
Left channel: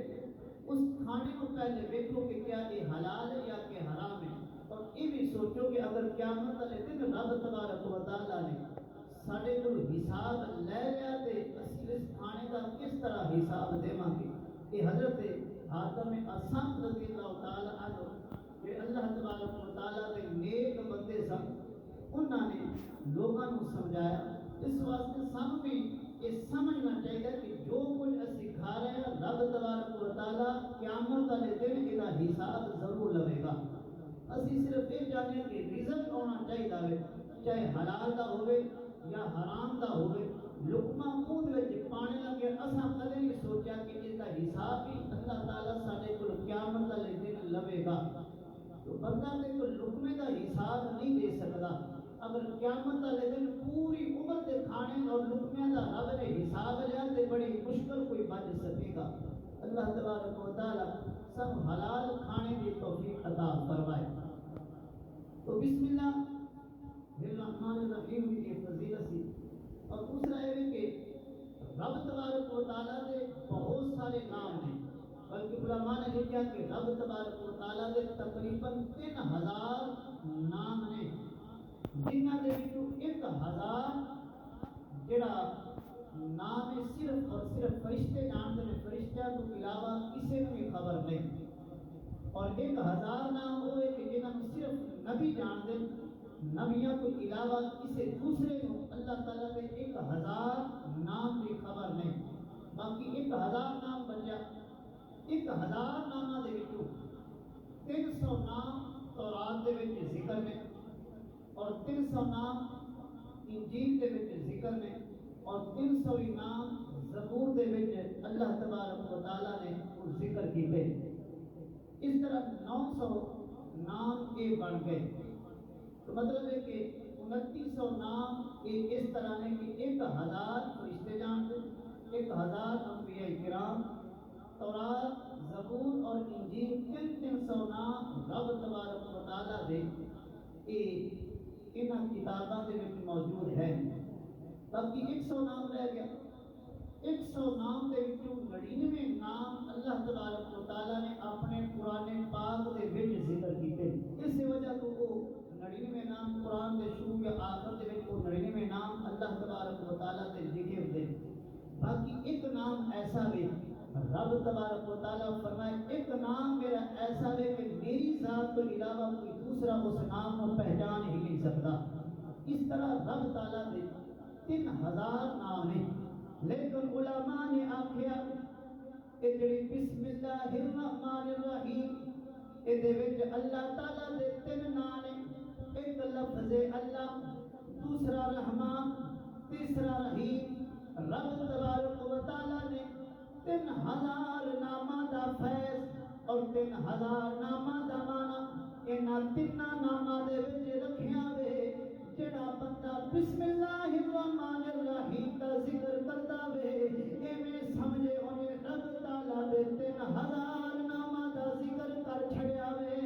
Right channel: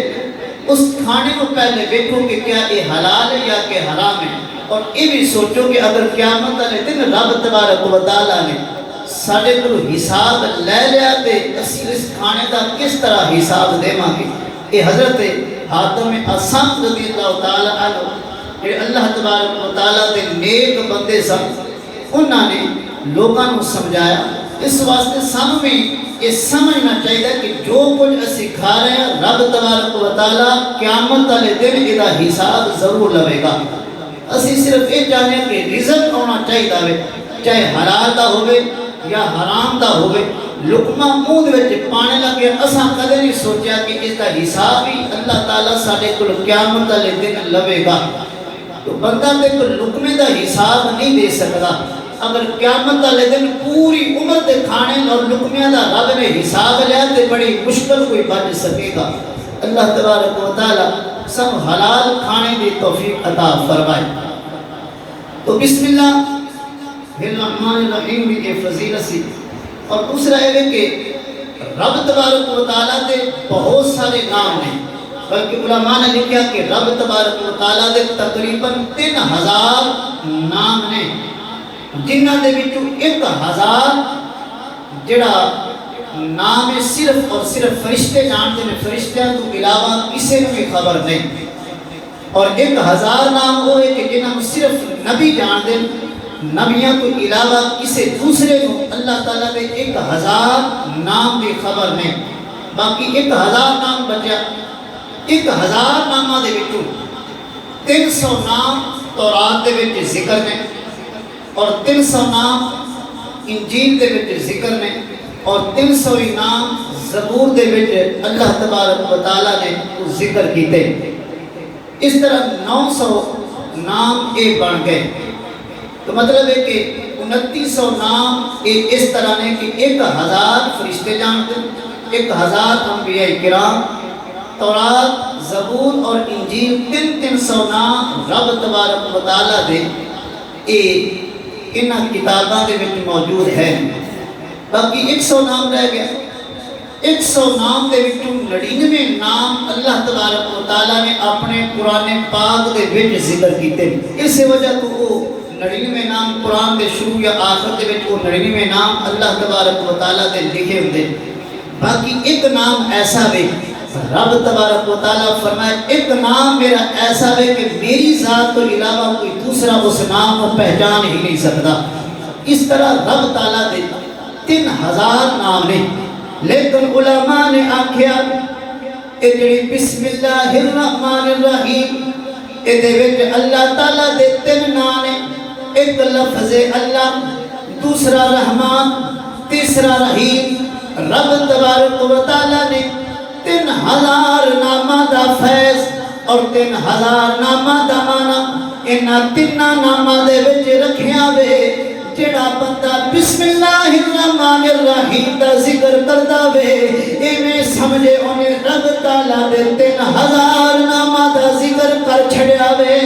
اس کھانے کو پہلے دیکھو کہ کیا یہ حلال ہے یا کہ حرام ہے. اور یہ بھی سوچو کہ اگر قیامت والے دن رب تبارک و تعالیٰ نے سارے کو حساب لے لیا تے اسی اس کھانے دا کس طرح حساب دیواں گے. یہ حضرت حاتم اصم رضی اللہ تعالیٰ عنہ کہ اللہ تبارک و تعالیٰ دے نیک بندے سن انہوں نے لوگوں کو سمجھایا. اس واسطے سانوں بھی یہ سمجھنا چاہیے کہ جو کچھ اسی کھا رہے ہیں رب تبارک و تعالیٰ قیامت والے دن یہ حساب ضرور لوے گا. اسی صرف یہ چاہتے ہیں کہ رزق ہونا چاہیے چاہے حلال دا ہوئے یا حرام دا ہوئے. لقمہ منہ دے وچ پانے لگے اساں کدے نہیں سوچیا کہ اس کا حساب ہی اللہ تعالیٰ سارے کو قیامت والے دن لوے گا. تو بندہ تے کو لقمے دا حساب نہیں دے سکتا. اگر قیامت والے دن پوری عمر دے کھانے اور لقمیاں دا رب نے حساب لیا تے بڑی مشکل کوئی بچ سکے گا. اللہ تبارک و تعالی سب حلال کھانے کی توفیق عطا فرمائے۔ تو بسم اللہ الرحمن الرحیم کی فضیلت سی، اور دوسرا ہے کہ رب تبارک و تعالیٰ دے بہت سارے نام ہیں، بلکہ علماء نے لکھا کہ رب تبارک و تعالیٰ دے تقریباً 3000 نام نے، جنہ دے وچوں 1000 جڑا نام ہے صرف اور صرف فرشتے جانتے ہیں، فرشتیاں تو علاوہ کسی نے بھی خبر نہیں، اور 1000 نام وہ ہے کہ جنہوں صرف نبی جانتے ہیں، نبیوں کو علاوہ کسی دوسرے کو اللہ تعالیٰ دے 1000 نام کی خبر نہیں۔ باقی 1000 نام بچیا، 1000 نامہ دے وچوں 300 نام تورات دے وچ ذکر نے، اور 300 نام انجیل دے وچ ذکر نے، اور 300 نام زبور دے وچ اللہ تبارک و تعالیٰ نے ذکر کیتے۔ اس طرح 900 نام اے بن گئے، تو مطلب ہے کہ 2900 نام اس طرح نے کہ 1000 فرشتے جانتے، 1000 انبیاء کرام، تورات، زبور اور انجیل، 300 نام رب تبارک و تعالیٰ دے انہاں کتاباں دے وچ موجود ہے۔ باقی 100 نام رہ گیا، 100 نام دے وچوں 99 نام اللہ تبارک و تعالیٰ نے اپنے قرآن پاک دے وچ ذکر کیتے۔ اس وجہ تو وہ 99 نام قرآن دے شروع یا آخر دے وچ وہ 99 نام اللہ تبارک و تعالیٰ دے لکھے ہوندے۔ باقی ایک نام ایسا ہے، رب تبارک و تعالیٰ فرمائے ایک نام میرا ایسا ہے کہ میری ذات تو علاوہ کوئی دوسرا اس نام کو پہچان ہی نہیں سکتا۔ اس طرح رب تعالیٰ دے 3000 نام نے، لیکن علماء نے آکھیا اے جڑی بسم اللہ الرحمن الرحیم اے دے وچ اللہ تعالیٰ دے 3 نام نے، ایک لفظ اللہ، دوسرا رحمان، تیسرا رحیم۔ رب تبارک و تعالیٰ نے 3000 نامہ دا فیض اور 3000 نامہ دا معنی انہاں 3 نامہ دے وچ رکھیا وے۔ جڑا بندہ بسم اللہ الرحمن الرحیم دا ذکر کردا وے، ایویں سمجھے انہیں رب تعالیٰ دے 3000 نامہ دا ذکر کر چھڑیا وے۔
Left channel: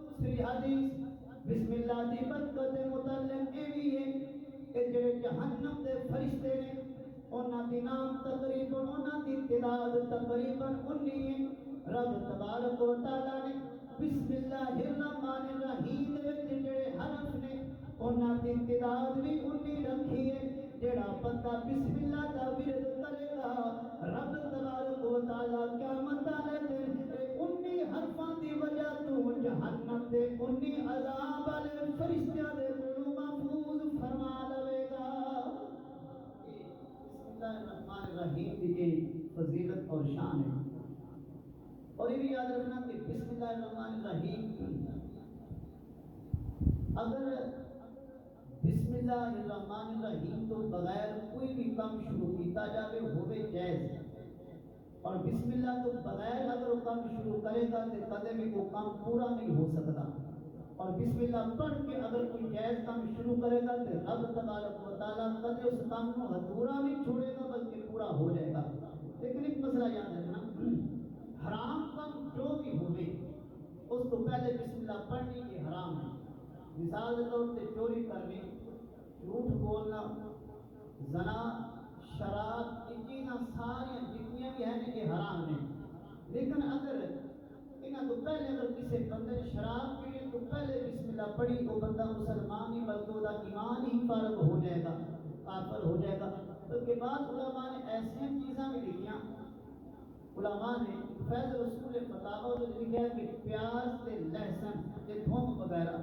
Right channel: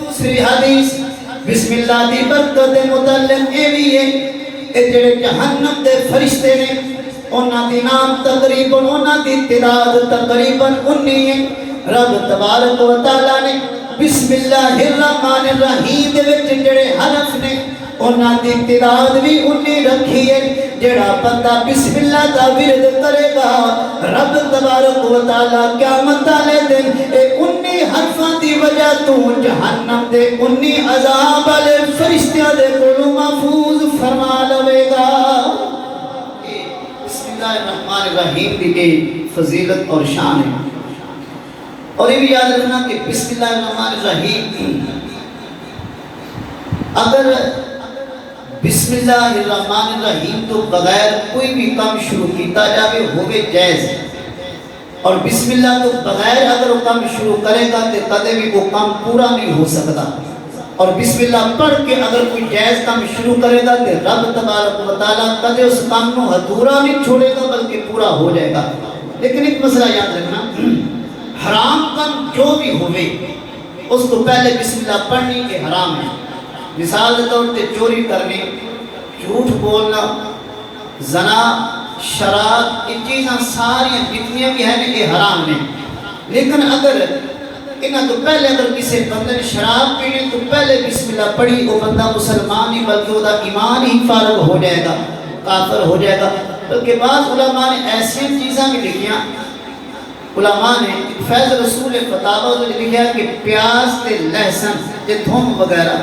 دوسری حدیث بسم اللہ دی برکت متعلق یہ بھی ہے کہ جڑے جہنم دے فرشتے نے، انہاں دی نام تقریباً، انہاں دی تعداد تقریباً 19 ہے۔ رب تبارک و تعالیٰ نے بسم اللہ الرحمن الرحیم دے وچ جڑے حرف نے انہاں دی تعداد بھی 19 رکھی ہے۔ جڑا بندہ بسم اللہ دا ورد کرے گا، رب تبارک و تعالیٰ قیامت والے دن اے 19 حرفاں دی وجہ تو جہنم دے 19 عذاب والے فرشتیاں دے کولوں محفوظ فرما لوے گا۔ بسم اللہ الرحمن الرحیم دی فضیلت اور شان ہے۔ اور یہ بھی یاد رکھنا کہ بسم اللہ الرحمن الرحیم، اگر بسم اللہ الرحمن الرحیم تو بغیر کوئی بھی کام شروع کیتا جاوے ہوگے جائز، اور بسم اللہ تو بغیر اگر وہ کام شروع کرے گا تو کدے بھی وہ کام پورا نہیں ہو سکتا، اور بسم اللہ پڑھ کے اگر کوئی جائز کام شروع کرے گا تو رب تبارک و تعالیٰ کدے اس کام کو ادھورا نہیں چھوڑے گا بلکہ پورا ہو جائے گا۔ لیکن ایک مسئلہ یاد رکھنا، حرام کام جو بھی ہوئے اس کو پہلے بسم اللہ پڑھنی کے حرام ہے۔ مثال کے طور پہ چوری کرنی، جھوٹ بولنا، زنا، شراب، یہ چیزاں ساری جتنی بھی ہیں یہ حرام ہیں۔ لیکن اگر انہاں تو پہلے اگر کسی بندے نے شراب پینے تو پہلے بسم اللہ پڑھی، وہ بندہ مسلمان ہی بلکہ وہ ایمان ہی فارغ ہو جائے گا، کافر ہو جائے گا۔ بلکہ بعض علماء نے ایسی چیزاں بھی لکھیاں، علماء نے فیض رسول فتاوہ جو لکھا کہ پیاز تے لہسن تے تھوم وغیرہ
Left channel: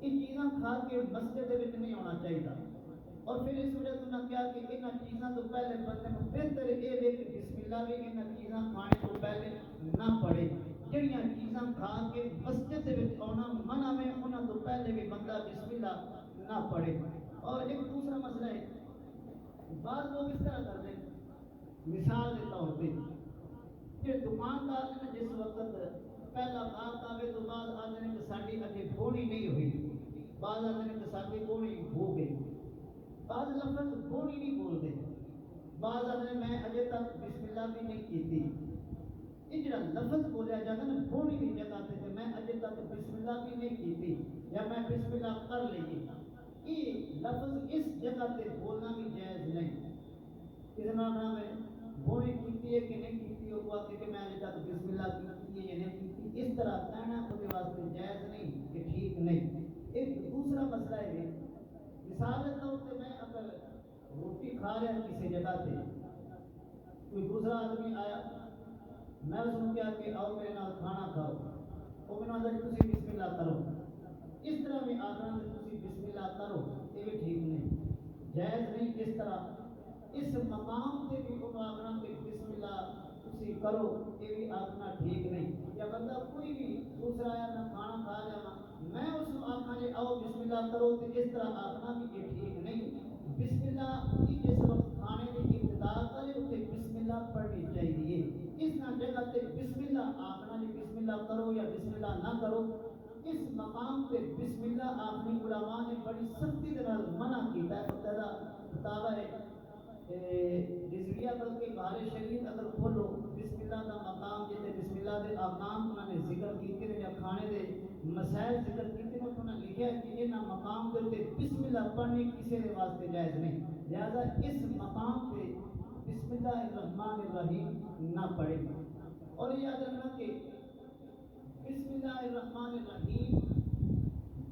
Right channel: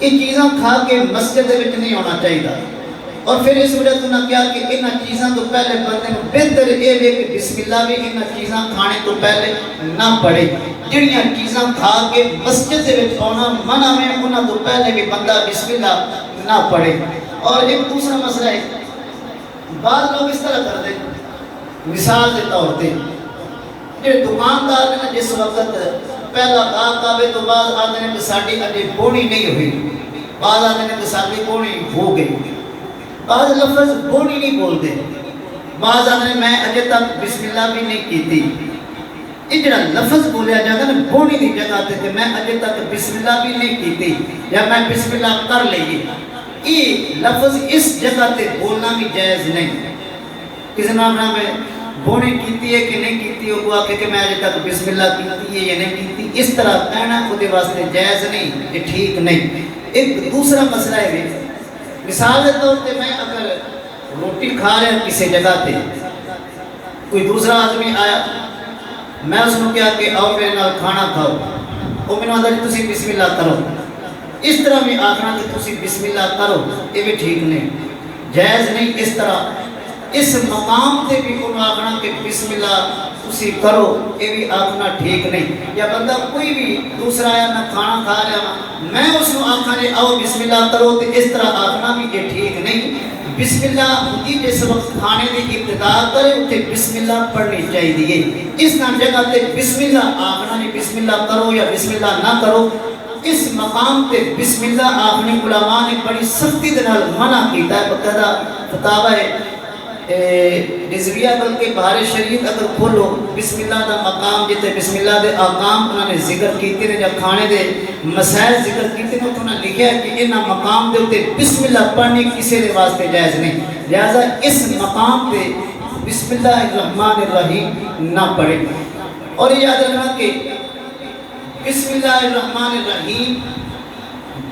یہ چیزاں کھا کے مسجد دے وچ نہیں ہونا چاہیے، اور پھر اس وجہ تو نہ کیا کہ انہاں چیزاں تو پہلے بندے کو بہتر یہ ہے کہ بسم اللہ بھی انہاں چیزاں کھانے تو پہلے نہ پڑھے۔ جڑیاں چیزاں کھا کے مسجد دے وچ آنا منع میں، انہاں تو پہلے بھی بندہ بسم اللہ نہ پڑھے۔ اور ایک دوسرا مسئلہ ہے، بعض لوگ اس طرح کرتے ہیں، مثال کے طور پہ جو دکاندار نے جس وقت پہلا گاہک آوے تو بعض آدھے نے کہ ساڑی ابھی بونی نہیں ہوئی، بعض آدھے نے کہ ساڑی بونی ہو گئی، بعض لفظ بونی نہیں بولتے، بعض آدھے میں اجے تک بسم اللہ بھی نہیں کیتی. یہ جڑا لفظ بولیا جاتا ہے نا بوڑی دی جگہ تے کہ میں اجے تک بسم اللہ بھی نہیں کیتی یا میں بسم اللہ کر لئی، یہ لفظ اس جگہ تے بولنا بھی جائز نہیں. کسی نام نام ہے بونے کیتی ہے کہ نہیں کیتی، وہ آکے کہ میں اجے تک بسم اللہ کیتی ہے یا نہیں کیتی، اس طرح کہنا خود واسطے جائز نہیں، یہ ٹھیک نہیں. ایک دوسرا مسئلہ ہے، مثال کے طور پہ میں اگر روٹی کھا رہا کسی جگہ تے کوئی دوسرا آدمی آیا، میں اس کو کیا کہ آؤ میرے نال کھانا کھاؤ، وہ میں نے آدھا جی تسی بسم اللہ کرو، اس طرح بھی آخنا کہ تسی بسم اللہ کرو، یہ بھی ٹھیک نہیں، جائز نہیں. اس طرح اس مقام تے بھی انہوں آخنا کہ بسم اللہ تسی کرو، یہ بھی آخنا ٹھیک نہیں. یا بندہ کوئی بھی دوسرا آیا نہ کھانا کھا رہا میں اس کو آخنا جی آؤ بسم اللہ کرو، تو اس طرح آخنا بھی یہ ٹھیک نہیں. بسم اللہ ہوتی جس وقت کھانے کی ابتدا کرے اسے بسم اللہ پڑھنی چاہیے. اس نہ جگہ تے بسم اللہ آخنا جی بسم اللہ کرو یا بسم اللہ نہ کرو، اس مقام تے بسم اللہ آخنے علماء نے بڑی سختی دے نال منع کیتا ہے. باقاعدہ فتاوی رضویہ بلکہ بہار شریعت اگر کھولو بسم اللہ دا مقام جتے بسم اللہ دے آقام انہوں نے ذکر کیتے ہیں، جب کھانے دے مسائل ذکر کیتے ہیں تو انہوں نے لکھا ہے کہ انہاں مقام دے ہوتے بسم اللہ پڑھنے کسی دے واسطے جائز نہیں، لہذا اس مقام پہ بسم اللہ الرحمن الرحیم نہ پڑھے. اور یہ یاد رکھنا کہ بسم اللہ الرحمن الرحیم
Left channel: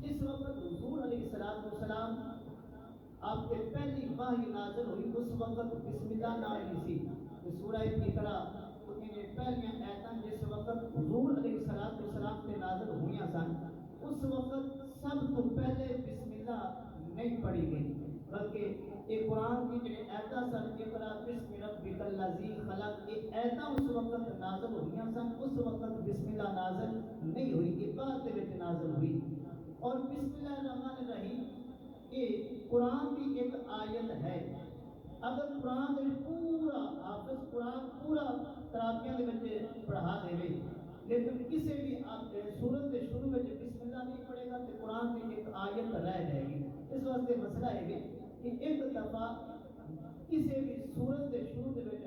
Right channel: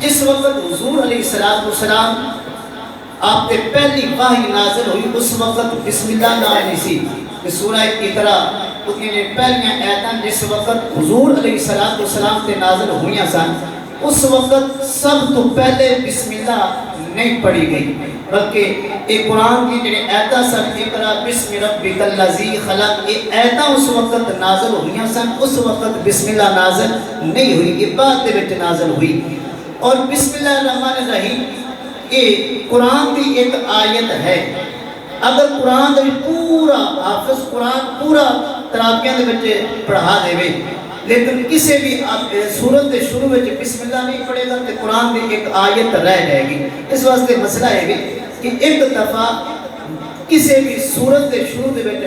جس وقت حضور علیہ السلام آپ کے پہلی وحی نازل ہوئی اس وقت بسم اللہ نہ نہیں سی. کہ سورہ اقرا اتنی نے پہلیاں آیتاں جس وقت حضور علیہ السلام تے نازل ہوئیاں سن اس وقت سب تو پہلے بسم اللہ نہیں پڑھی گئی، بلکہ ایک قرآن کی جنہیں آیتاں سن اقرا بسم ربک الذی خلق، یہ آیتاں اس وقت نازل ہوئیاں سن، اس وقت بسم اللہ نازل نہیں ہوئی، یہ بعد دے وچ نازل ہوئی. اور بسم اللہ الرحمن الرحیم یہ قرآن کی ایک آیت ہے. اگر قرآن دے پورا حافظ قرآن پورا تراکیاں دے بچے پڑھا دے وے لیکن کسی بھی سورت دے شروع میں بسم اللہ نہیں پڑھے گا تو قرآن دی ایک آیت رہ جائے گی. اس واسطے مسئلہ ہے کہ ایک دفعہ کسی بھی سورت دے شروع دے بچے